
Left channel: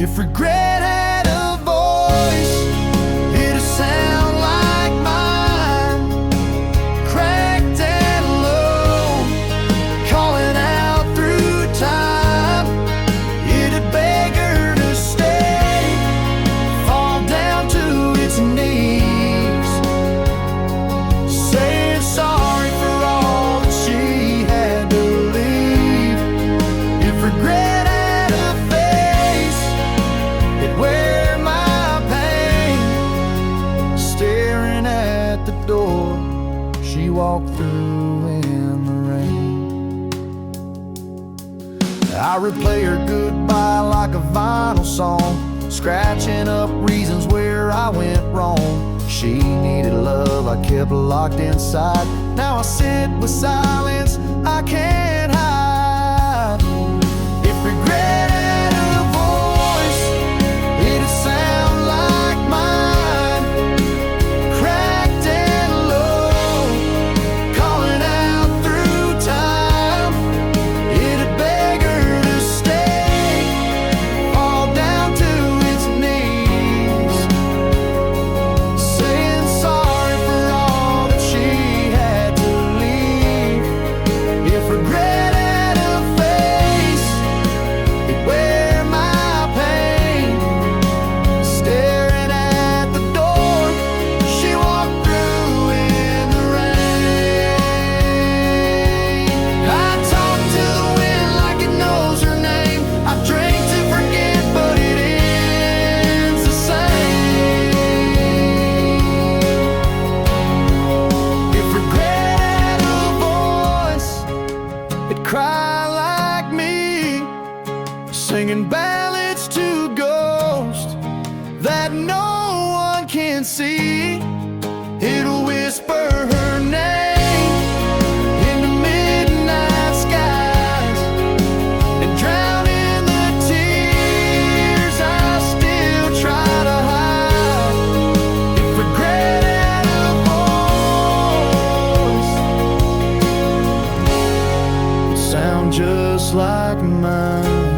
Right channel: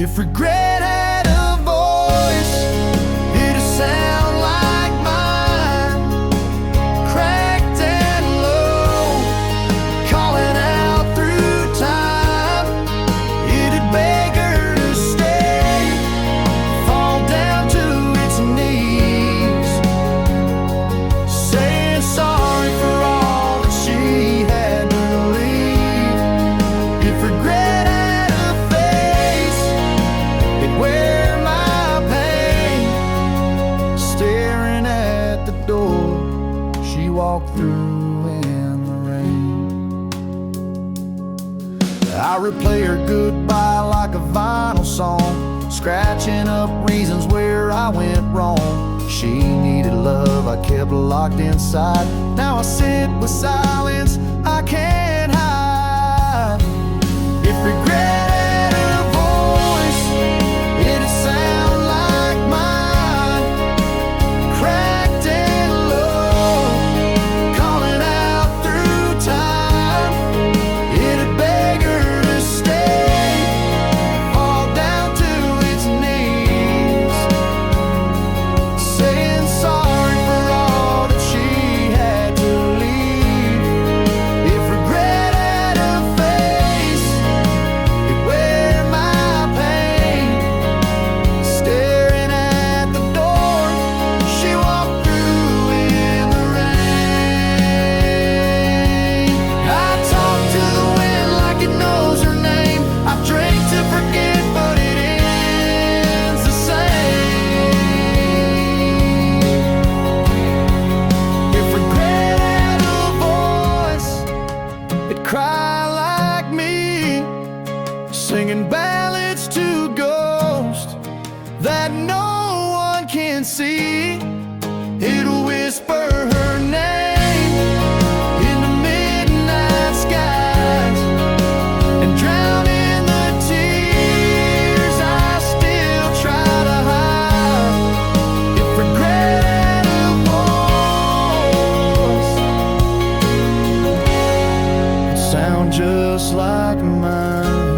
If regret had a voice, it'd sound like mine, cracked and low, calling out through time. It'd beg her to stay, fall down to its knees, saying sorry for all that she had to leave. If regret had a face, it'd wear my pain, staring at the door she walked through in the rain. I replay her goodbye like a vinyl song, scratching up reasons where I went wrong. She needed love, I kept locked inside. Now I sit with silence I can't hide. If regret had a voice, it'd sound like mine, cracked and low, calling out through time. It'd beg her to stay, fall down to its knees, saying sorry for all that she had to leave. If regret had a face, it'd wear my pain, staring at the door she walked through in the rain. I talk to the wind like it knows her name. I drink to forget, but it ends the same. If regret had a voice, it'd cry like me, singing ballads to ghosts that no one can see. It'll whisper her name into midnight skies and drown in the tears I still try to hide. If regret had a voice, it'd sound just like mine.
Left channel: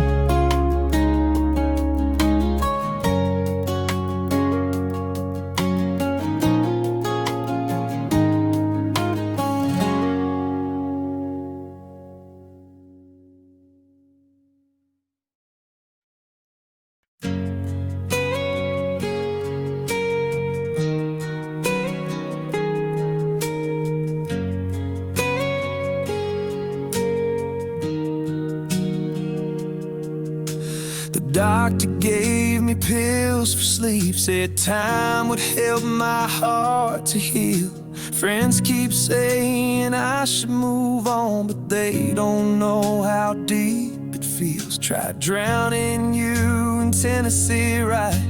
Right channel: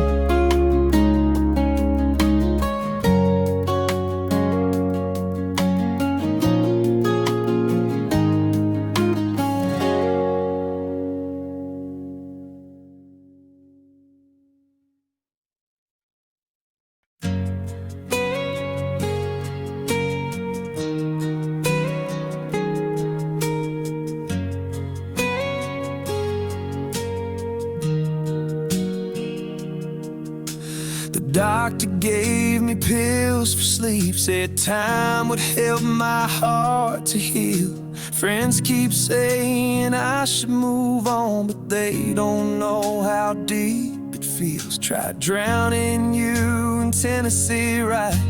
The doctor gave me pills for sleep, said time would help my heart to heal. Friends keep saying I should move on, but they don't know how deep it feels. Tried drowning you in Tennessee, right?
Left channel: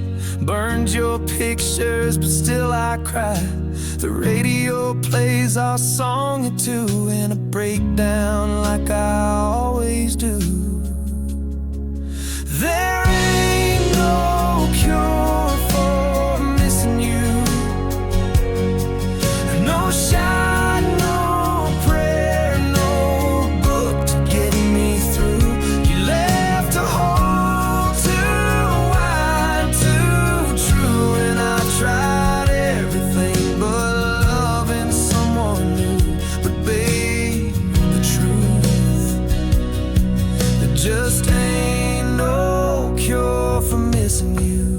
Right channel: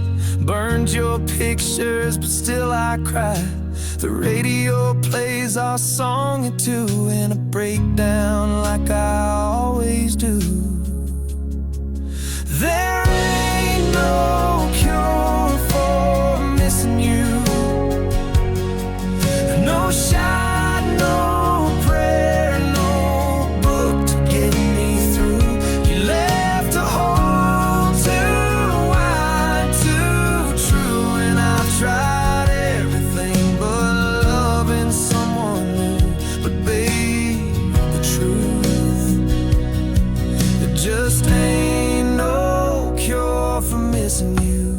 Burned your pictures, but still I cry. The radio plays our song at 2, and I break down like I always do. There ain't no cure for missing you, no shot, no prayer, no book to get me through. You left a hole too wide, too true, and I've tried everything but loving someone new. But babe, the truth, there just ain't no cure for missing you.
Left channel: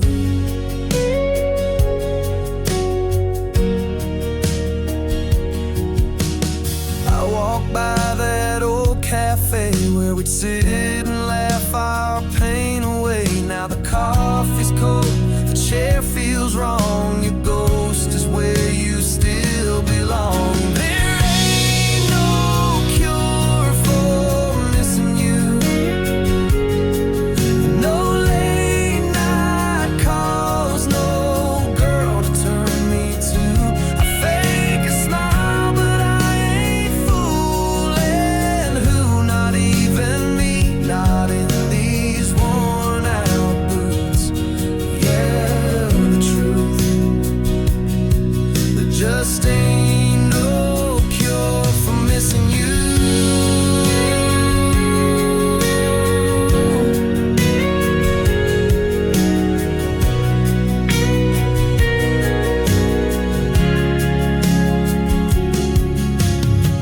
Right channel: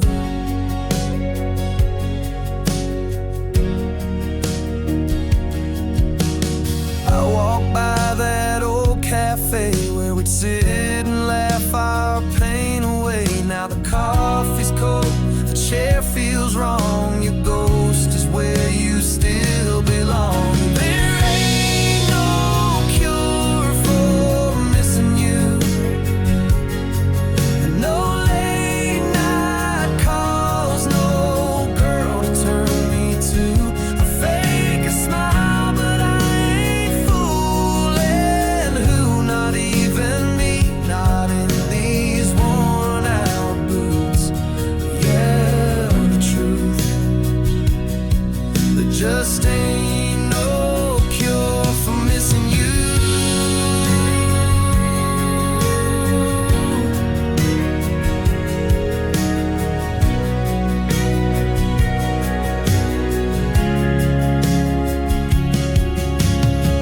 I walk by that old cafe where we'd sit and laugh our pain away. Now the coffee's cold, the chair feels wrong. Your ghost is where you still belong. There ain't no cure for missing you, no late night just ain't no cure for missing you.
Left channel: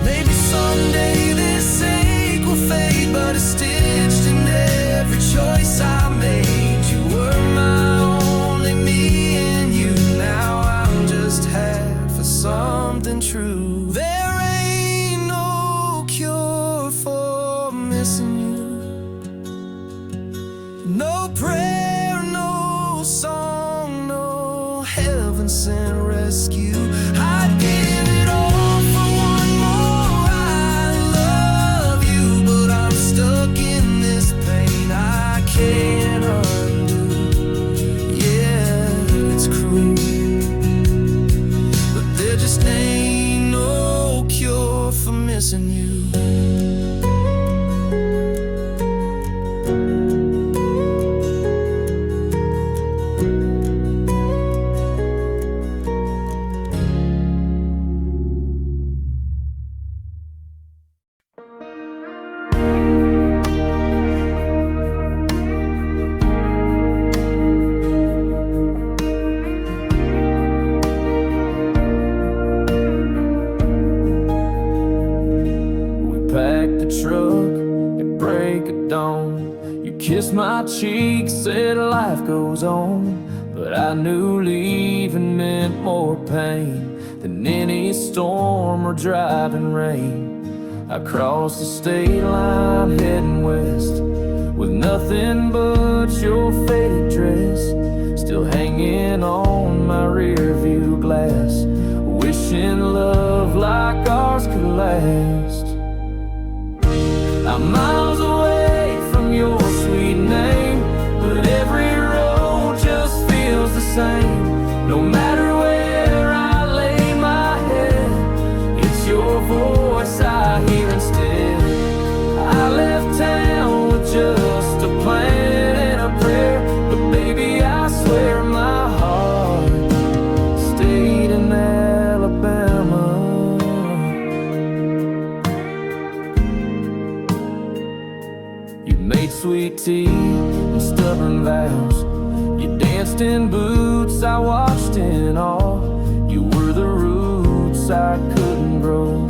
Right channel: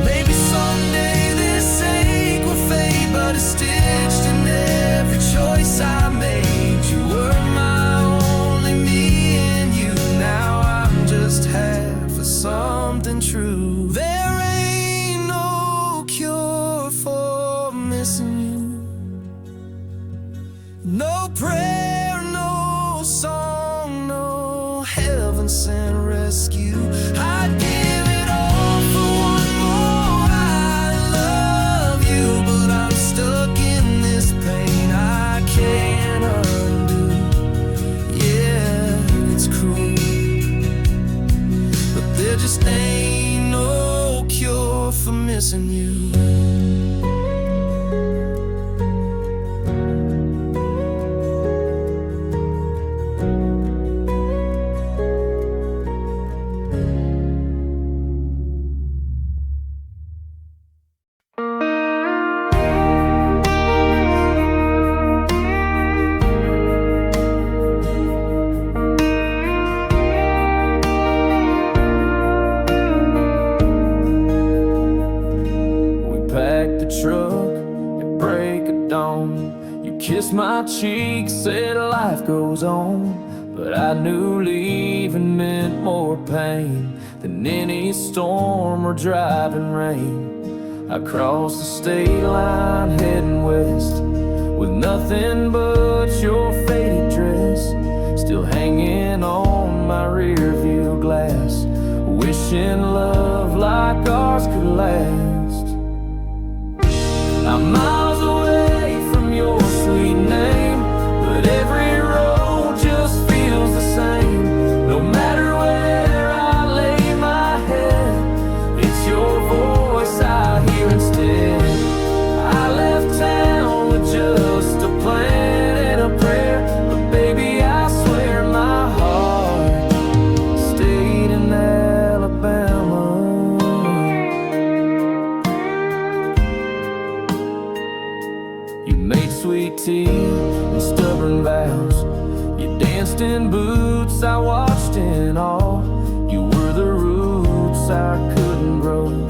Maybe someday this ache will fade, but it's stitched in every choice I made. You were my only me, and you now I'm just half of something true. There ain't no cure for missing you. No prayer, no song, no heaven sent rescue. I'd give it all for one more I love you, but I'm stuck in this pain I can't undo. Yeah, it's cruel, but there just ain't no cure for missing you. Packed the truck at break of dawn. You kissed my cheek, said life goes on. But I knew leaving meant more pain than any storm or driving rain. I crossed the state line heading west with nothing but your faded dress still hanging on my rear view glass, wishing love like ours could last. I'm miles away from your sweet name, but every road just feels the same. No matter where I lay my head, it's your voice I hear instead. I left town with just a plan and a prayer, but baby I swear my heart stayed in Alabama. You made sweet tea and stubborn vows. You danced in boots I watched in awe. You were the roots I couldn't grow.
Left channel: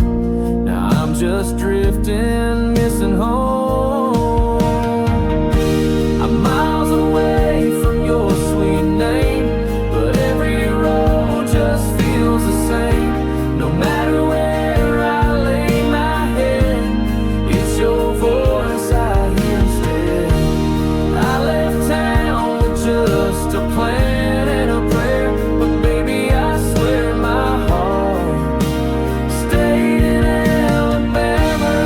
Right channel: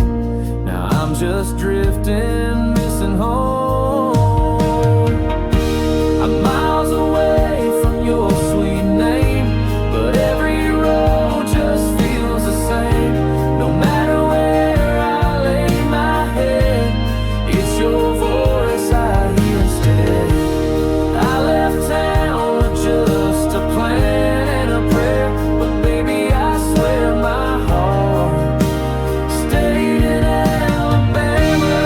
Now I'm just drifting, missing home. I'm miles away from your sweet name, but every road just feels the same. No matter where I lay my head, it's your voice I hear instead. I left town with just a plan and a prayer, but baby I swear my heart stayed in Alabama.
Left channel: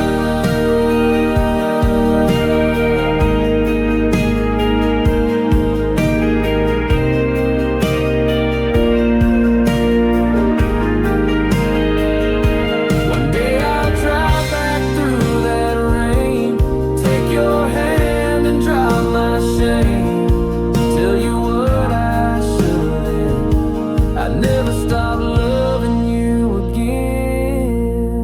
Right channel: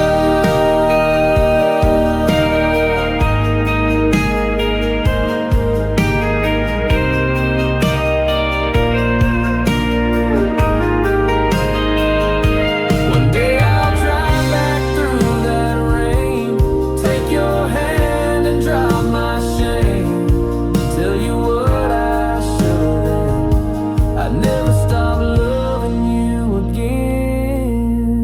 One day I'll drive back through that rain, take your hand and drop my shame, tell you what I should have then. I never stopped loving you again.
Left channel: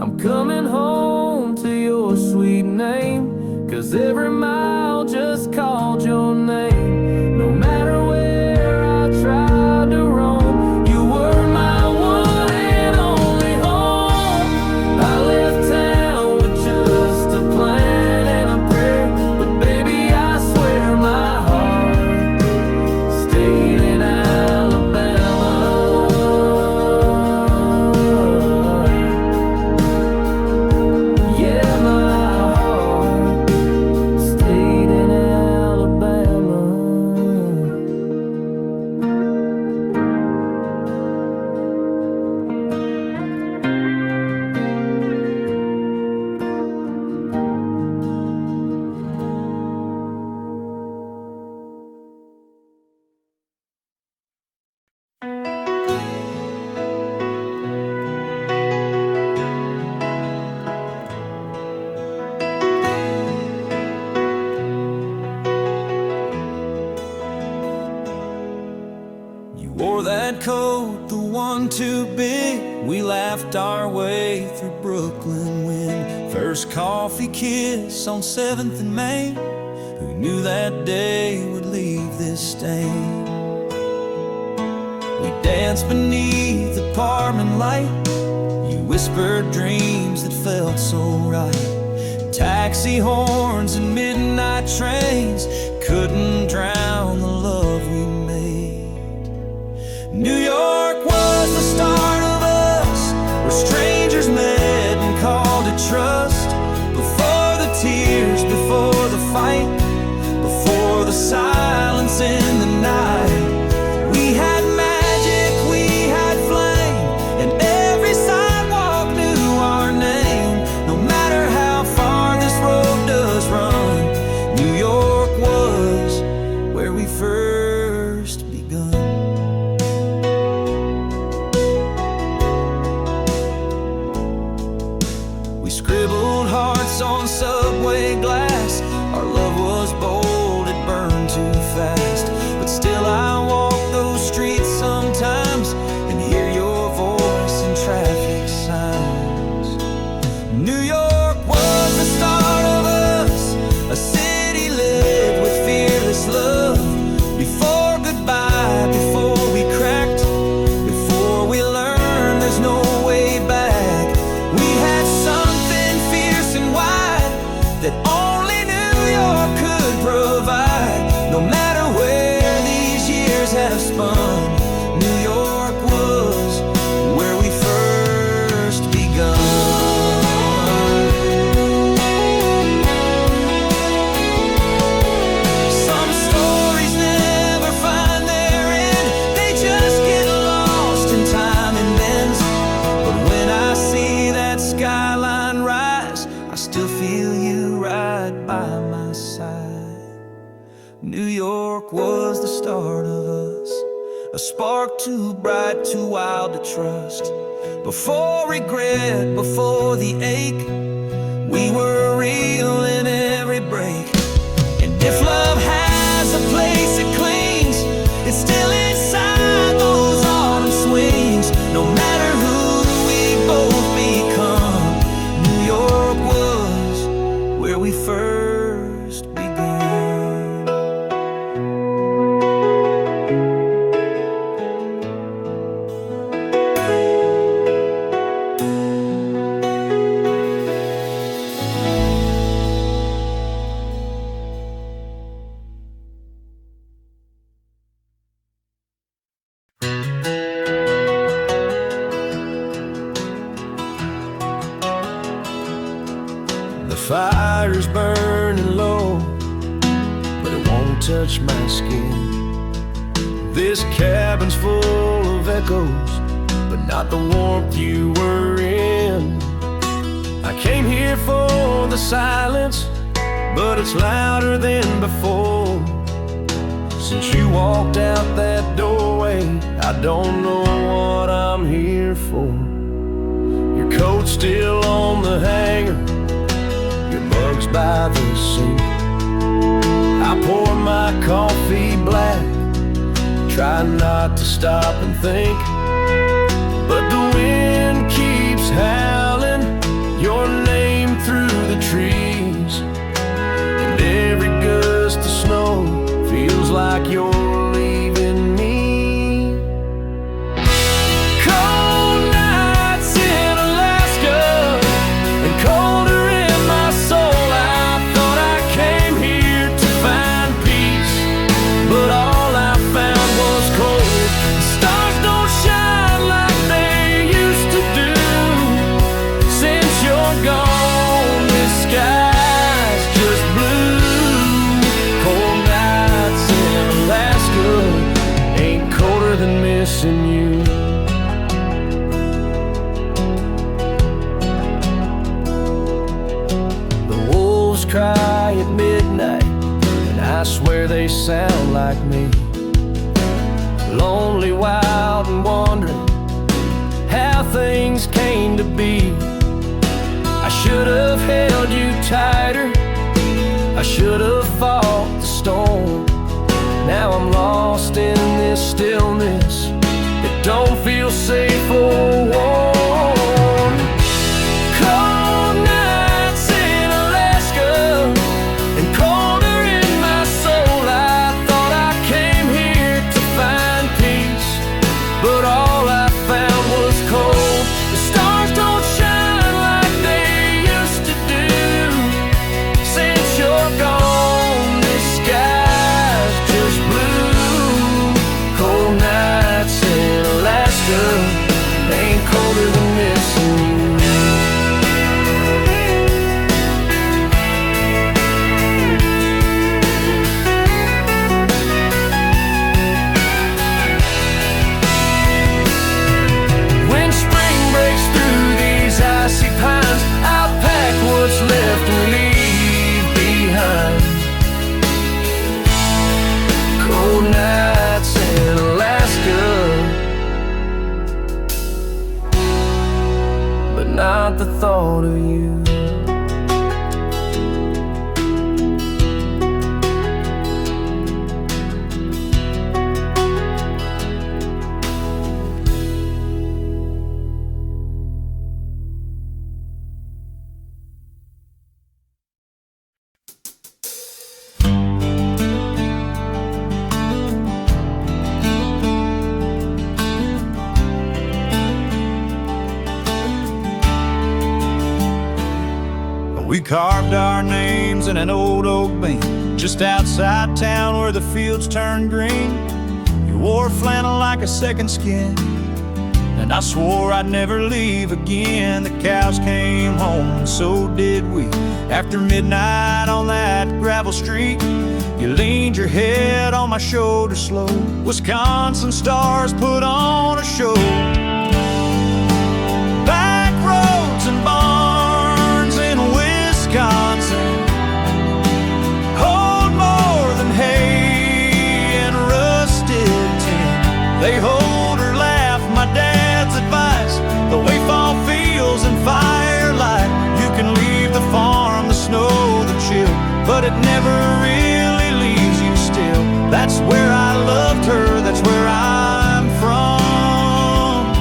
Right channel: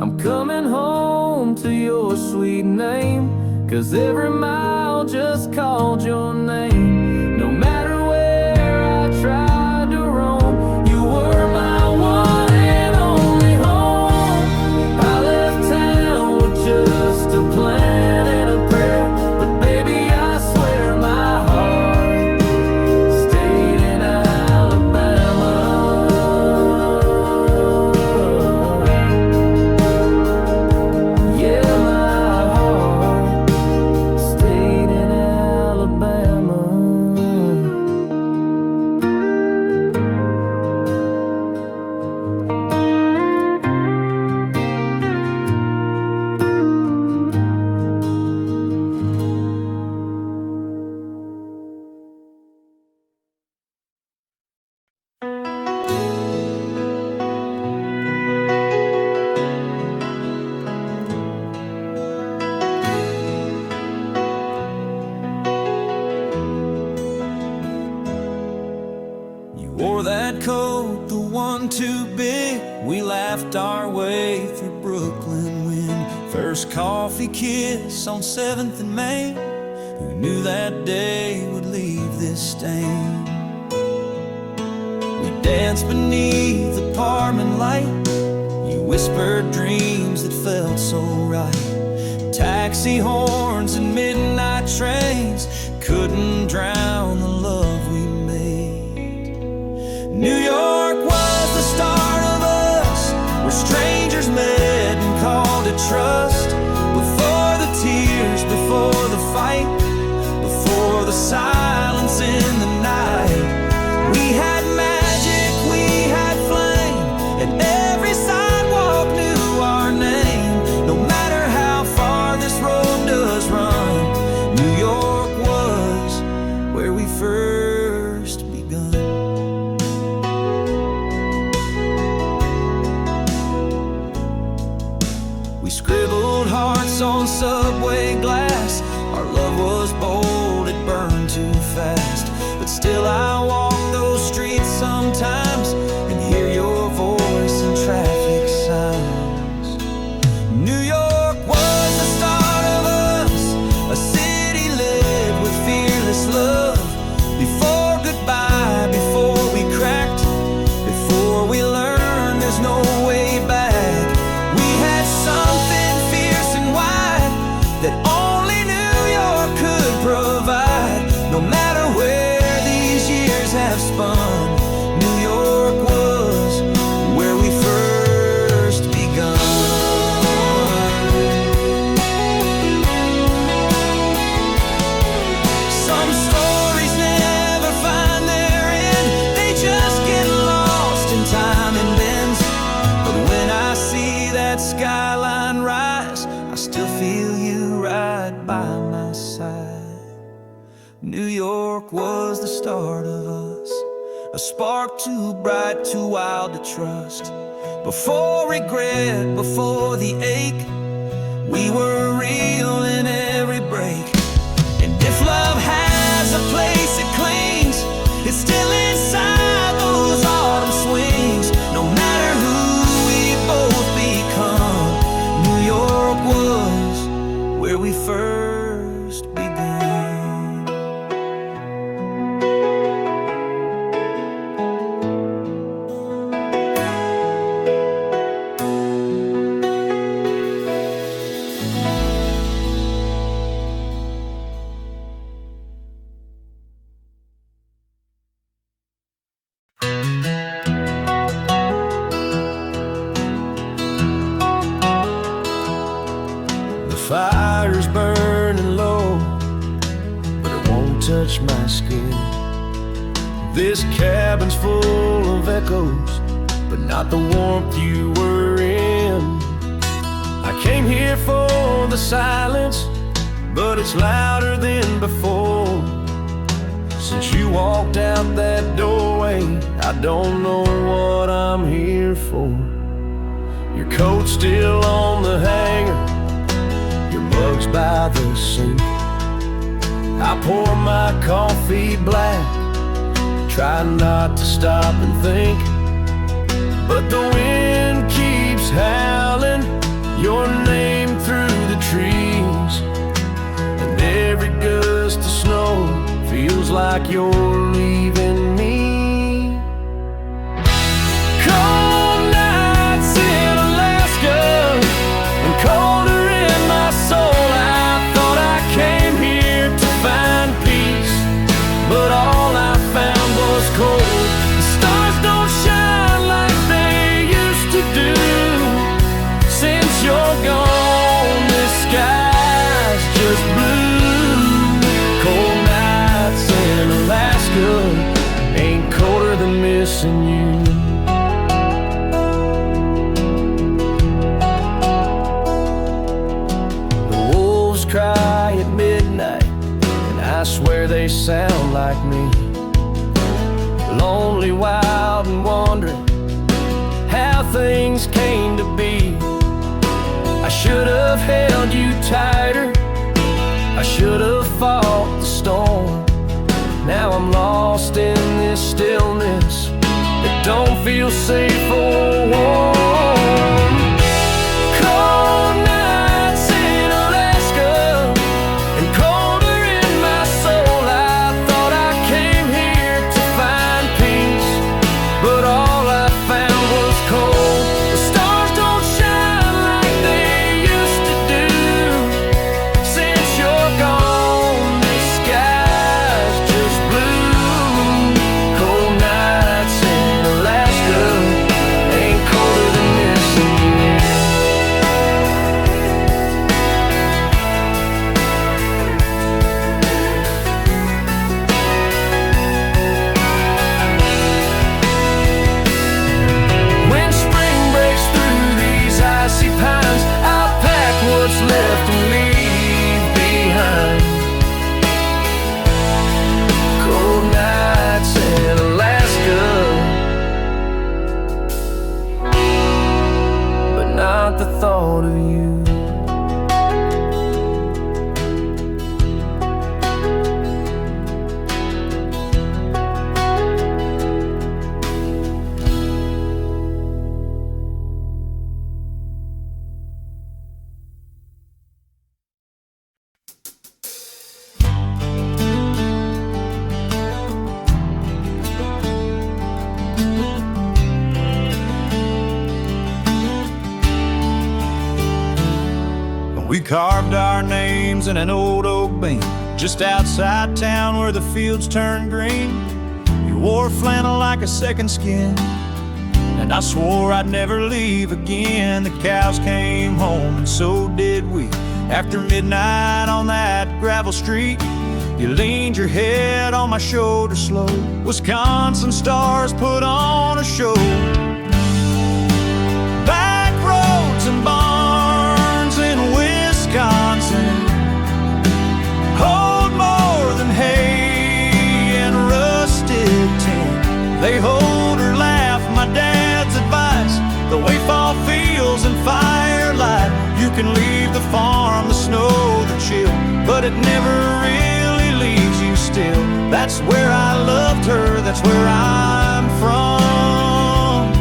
I'm coming home to your sweet name, 'cause every mile just called your name. No matter where I tried to roam, you were my one and only home. I left town with just a plan and a prayer, but baby I swear my heart stayed in Alabama. Yeah, my heart stayed in Alabama. You wore that coat, the one too big. We laughed our way through Brooklyn when first coffee kiss on 7th and Main. Who knew that day would leave this stain? We danced beneath the apartment light. You whispered dreams that felt so right. Taxi horns and midnight trains couldn't drown the love we made. New York was the start of us, where strangers met and called it trust. Before the tears, before the fight, before the silence in the night. We had magic, we had flame, and every sidewalk knew our name. No matter how far this road does run, New York was where we first begun. We scribbled hearts on subway glass. Our love was bold, it burned too fast. But still I walk those streets sometimes and hear your voice in traffic signs. New York was the start of us, a city lit with fearless love. Before goodbye, before we cracked, before we learned there's no way back. We had something fierce and wide that only New York could provide. No matter where these years have spun, New York was where we first begun. Some stories never find their end, they just get lost in time and bends. But when I see that skyline rise, I still feel you right by my side. New York was the start of us, a spark too bright, too wild to trust. Before regret, before the ache, we were real in every break. And if love has a place it clings, it's still inside those autumn swings. No matter who we both become, New York was where we first begun. The fire's burning low, but it won't touch my skin. This cabin's full of echoes, but not the warmth you were in. I came here for the silence, but it's louder than before. Since you walked out that doorway, I don't know what I'm here for. Your coat's still on the hanger, your mug's by the sink. I pour my coffee black, try not to stop and think. But the wind keeps howling your name through the trees, and every gust of snow feels like you're leaving me. Cold nights in Alaska and colder in my soul. I thought I came here to find peace, but all I found was cold. The stars don't shine like they used to do. Since you're gone, this sky's just blue. Cold nights in Alaska ain't colder than missing you. The wolves cry at midnight, and I swear they sound like me. Lonely, wild, and wondering how things came to be. I should have held you tighter, I should have fought the storm. Now I'm lost in this stillness. It don't feel safe or warm. Cold nights in Alaska and colder in my soul. I thought I came here to find peace, but all I found was cold. The stars don't shine like they used to do. Since you're gone, this sky's just blue. Cold nights in Alaska ain't colder than missing you. When spring breaks through these icy pines, I'll pack what's left and leave behind. Cold nights in Alaska, but not the thought of you. We carved our names in an old oak beam just outside town where the fields turn green. You wore flannel like a second skin, and I swore I'd never leave again. The cows came home, and so did we. After midnight on that gravel street, you leaned your head on my shoulder slow. Wisconsin stars put on a show. Back roads and barns in Wisconsin hold more than hay and rusted tin. They hold or laugh my dad's advice, the way fall feels in firelight. You can leave the farm, the snow, the chill, but it never really leaves you still. That's where I loved her, that's where I'm from.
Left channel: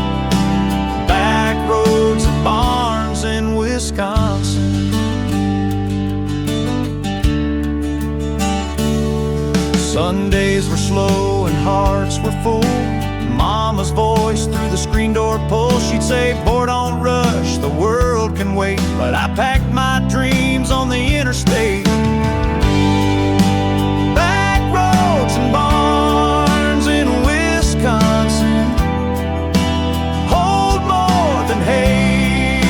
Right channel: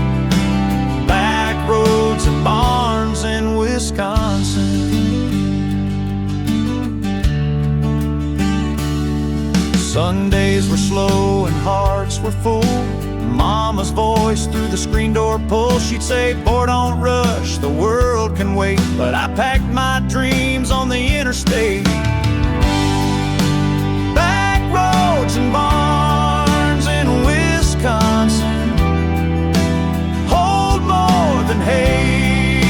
Back roads and barns in Wisconsin. Sundays were slow and hearts were full. Mama's voice through the screen door pull. She'd say, boy, don't rush, the world can wait. But I packed my dreams on the interstate. Back roads and barns in Wisconsin hold more than hay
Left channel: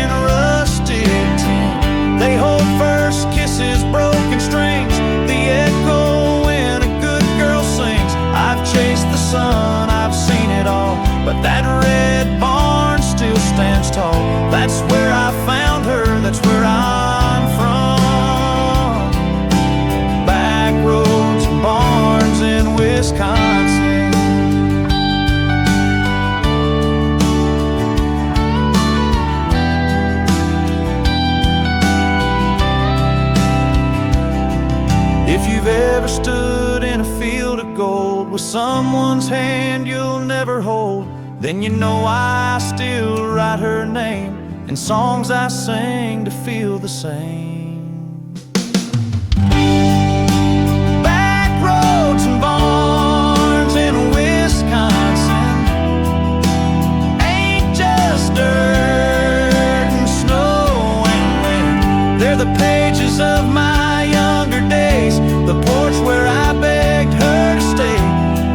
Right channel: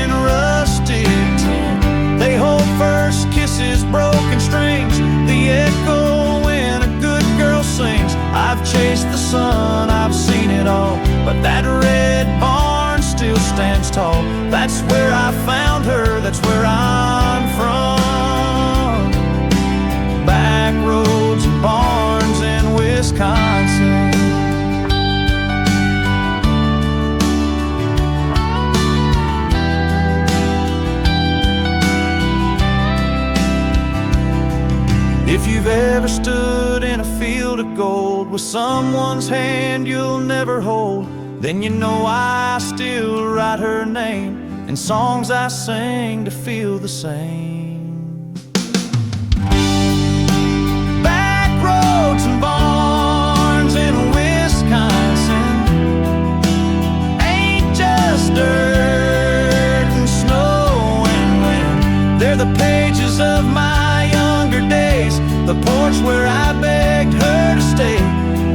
and rusted tin. They hold first kisses, broken strings, the echo when a good girl sings. I've chased the sun, I've seen it all, but that red barn still stands tall. That's where I found her, that's where I'm from. Back roads and barns in Wisconsin. If you've ever stood in a field of gold with someone's hand you'll never hold, then you know I still write her name in songs I sing to feel the same. Back roads and barns in Wisconsin ain't just dirt and snow and wind. They're the pages of my younger days, the porch where I begged her to stay.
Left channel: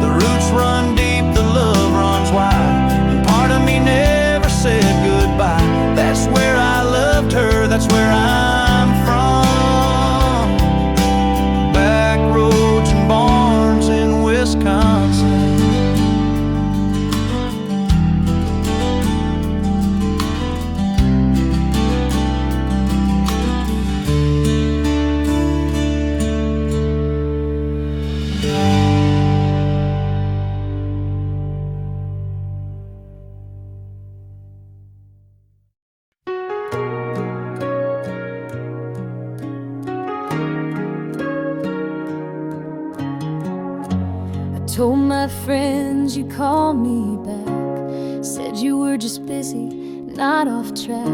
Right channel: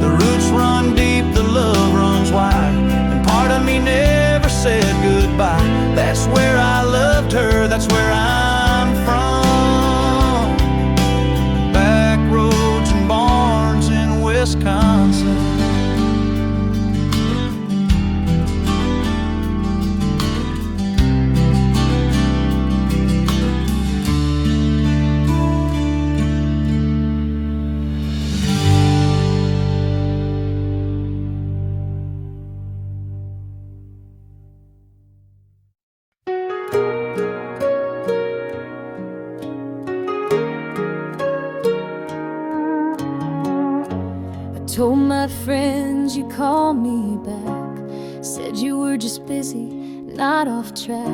The roots run deep, the love runs wide, and part of me never said goodbye. That's where I loved her, that's where I'm from. Back roads and barns in Wisconsin. my friends, you called me back. Said you were just busy, not off track.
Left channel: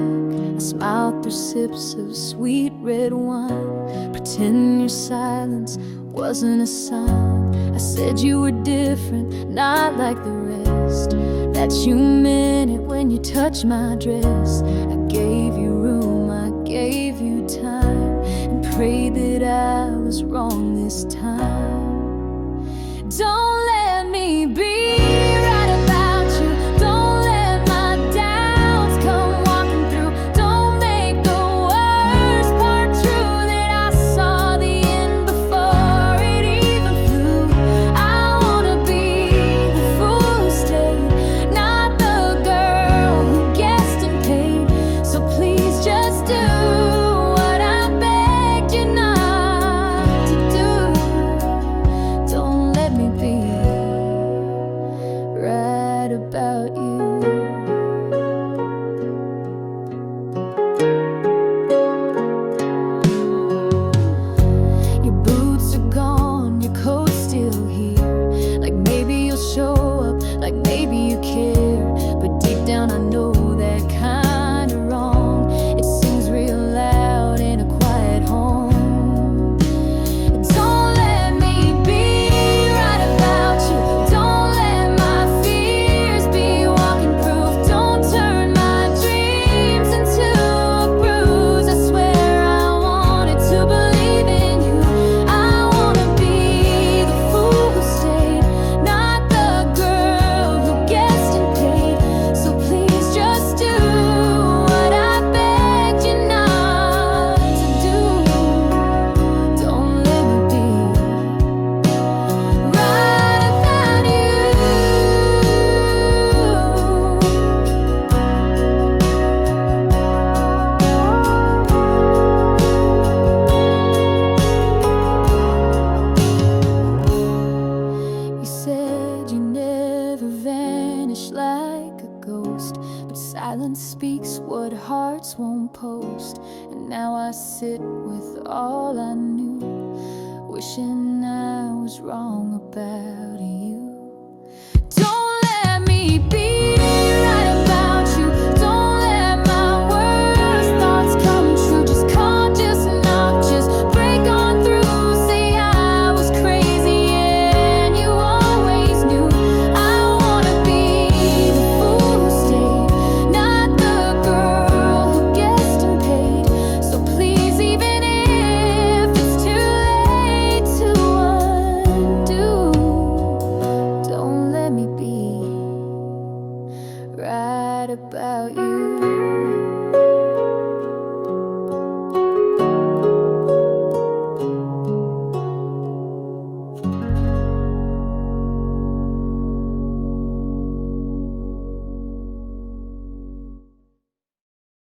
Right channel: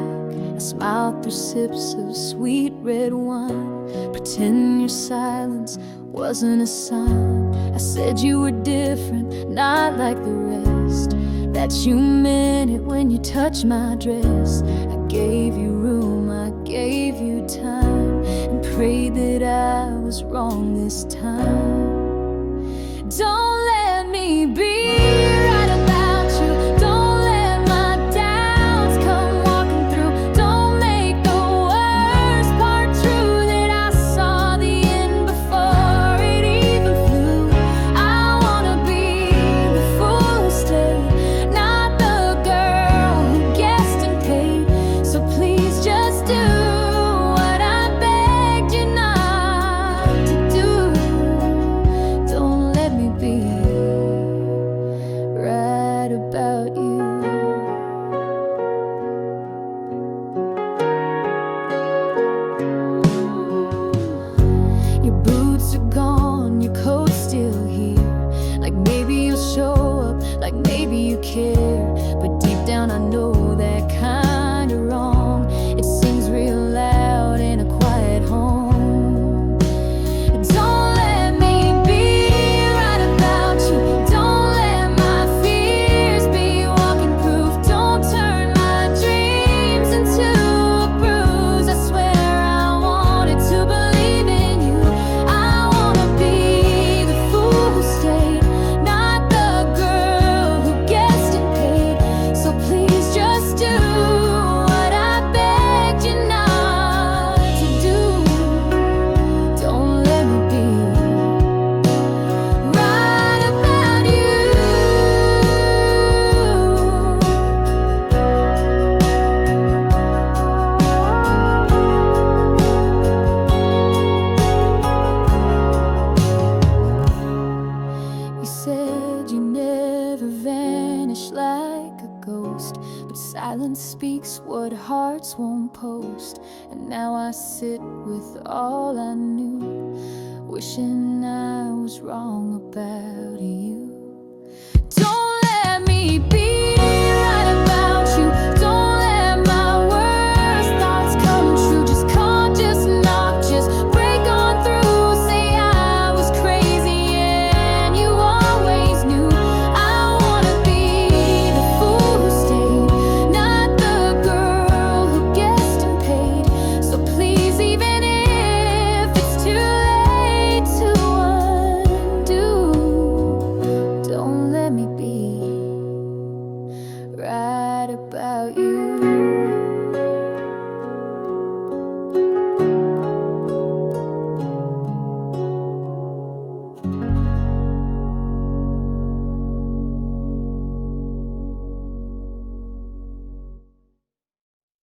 I smiled through sips of sweet red wine, pretend your silence wasn't a sign. I said you were different, not like the rest, that you meant it when you touched my dress. I gave you room, I gave you time, and prayed that I was wrong this time. Don't let me be right about you. Don't let my doubts come walking through. Don't make the worst part true, that I saw the end before it even flew. I wanna be the fool who stayed, not the girl who guessed and paid. So please just do what I begged you not to do. Don't let me be right about you. Your boots are gone, your coat's still here. Like maybe you'll show up, like maybe you care. But deep down I know that kinda wrong. It sings real loud in a quiet home. Don't let me be right about you. Don't let my fears be walking proof. Don't turn my dreams into a bruise. I swear I wanted to believe in you. I wanna be the fool who stayed, not the girl who guessed and paid. So please just do what I begged you not to do. Don't let me be right about you. You said you never vanish like a ghost, but silence speaks what hearts won't post. And now I sit with all I knew, wishing I was wrong about you. Don't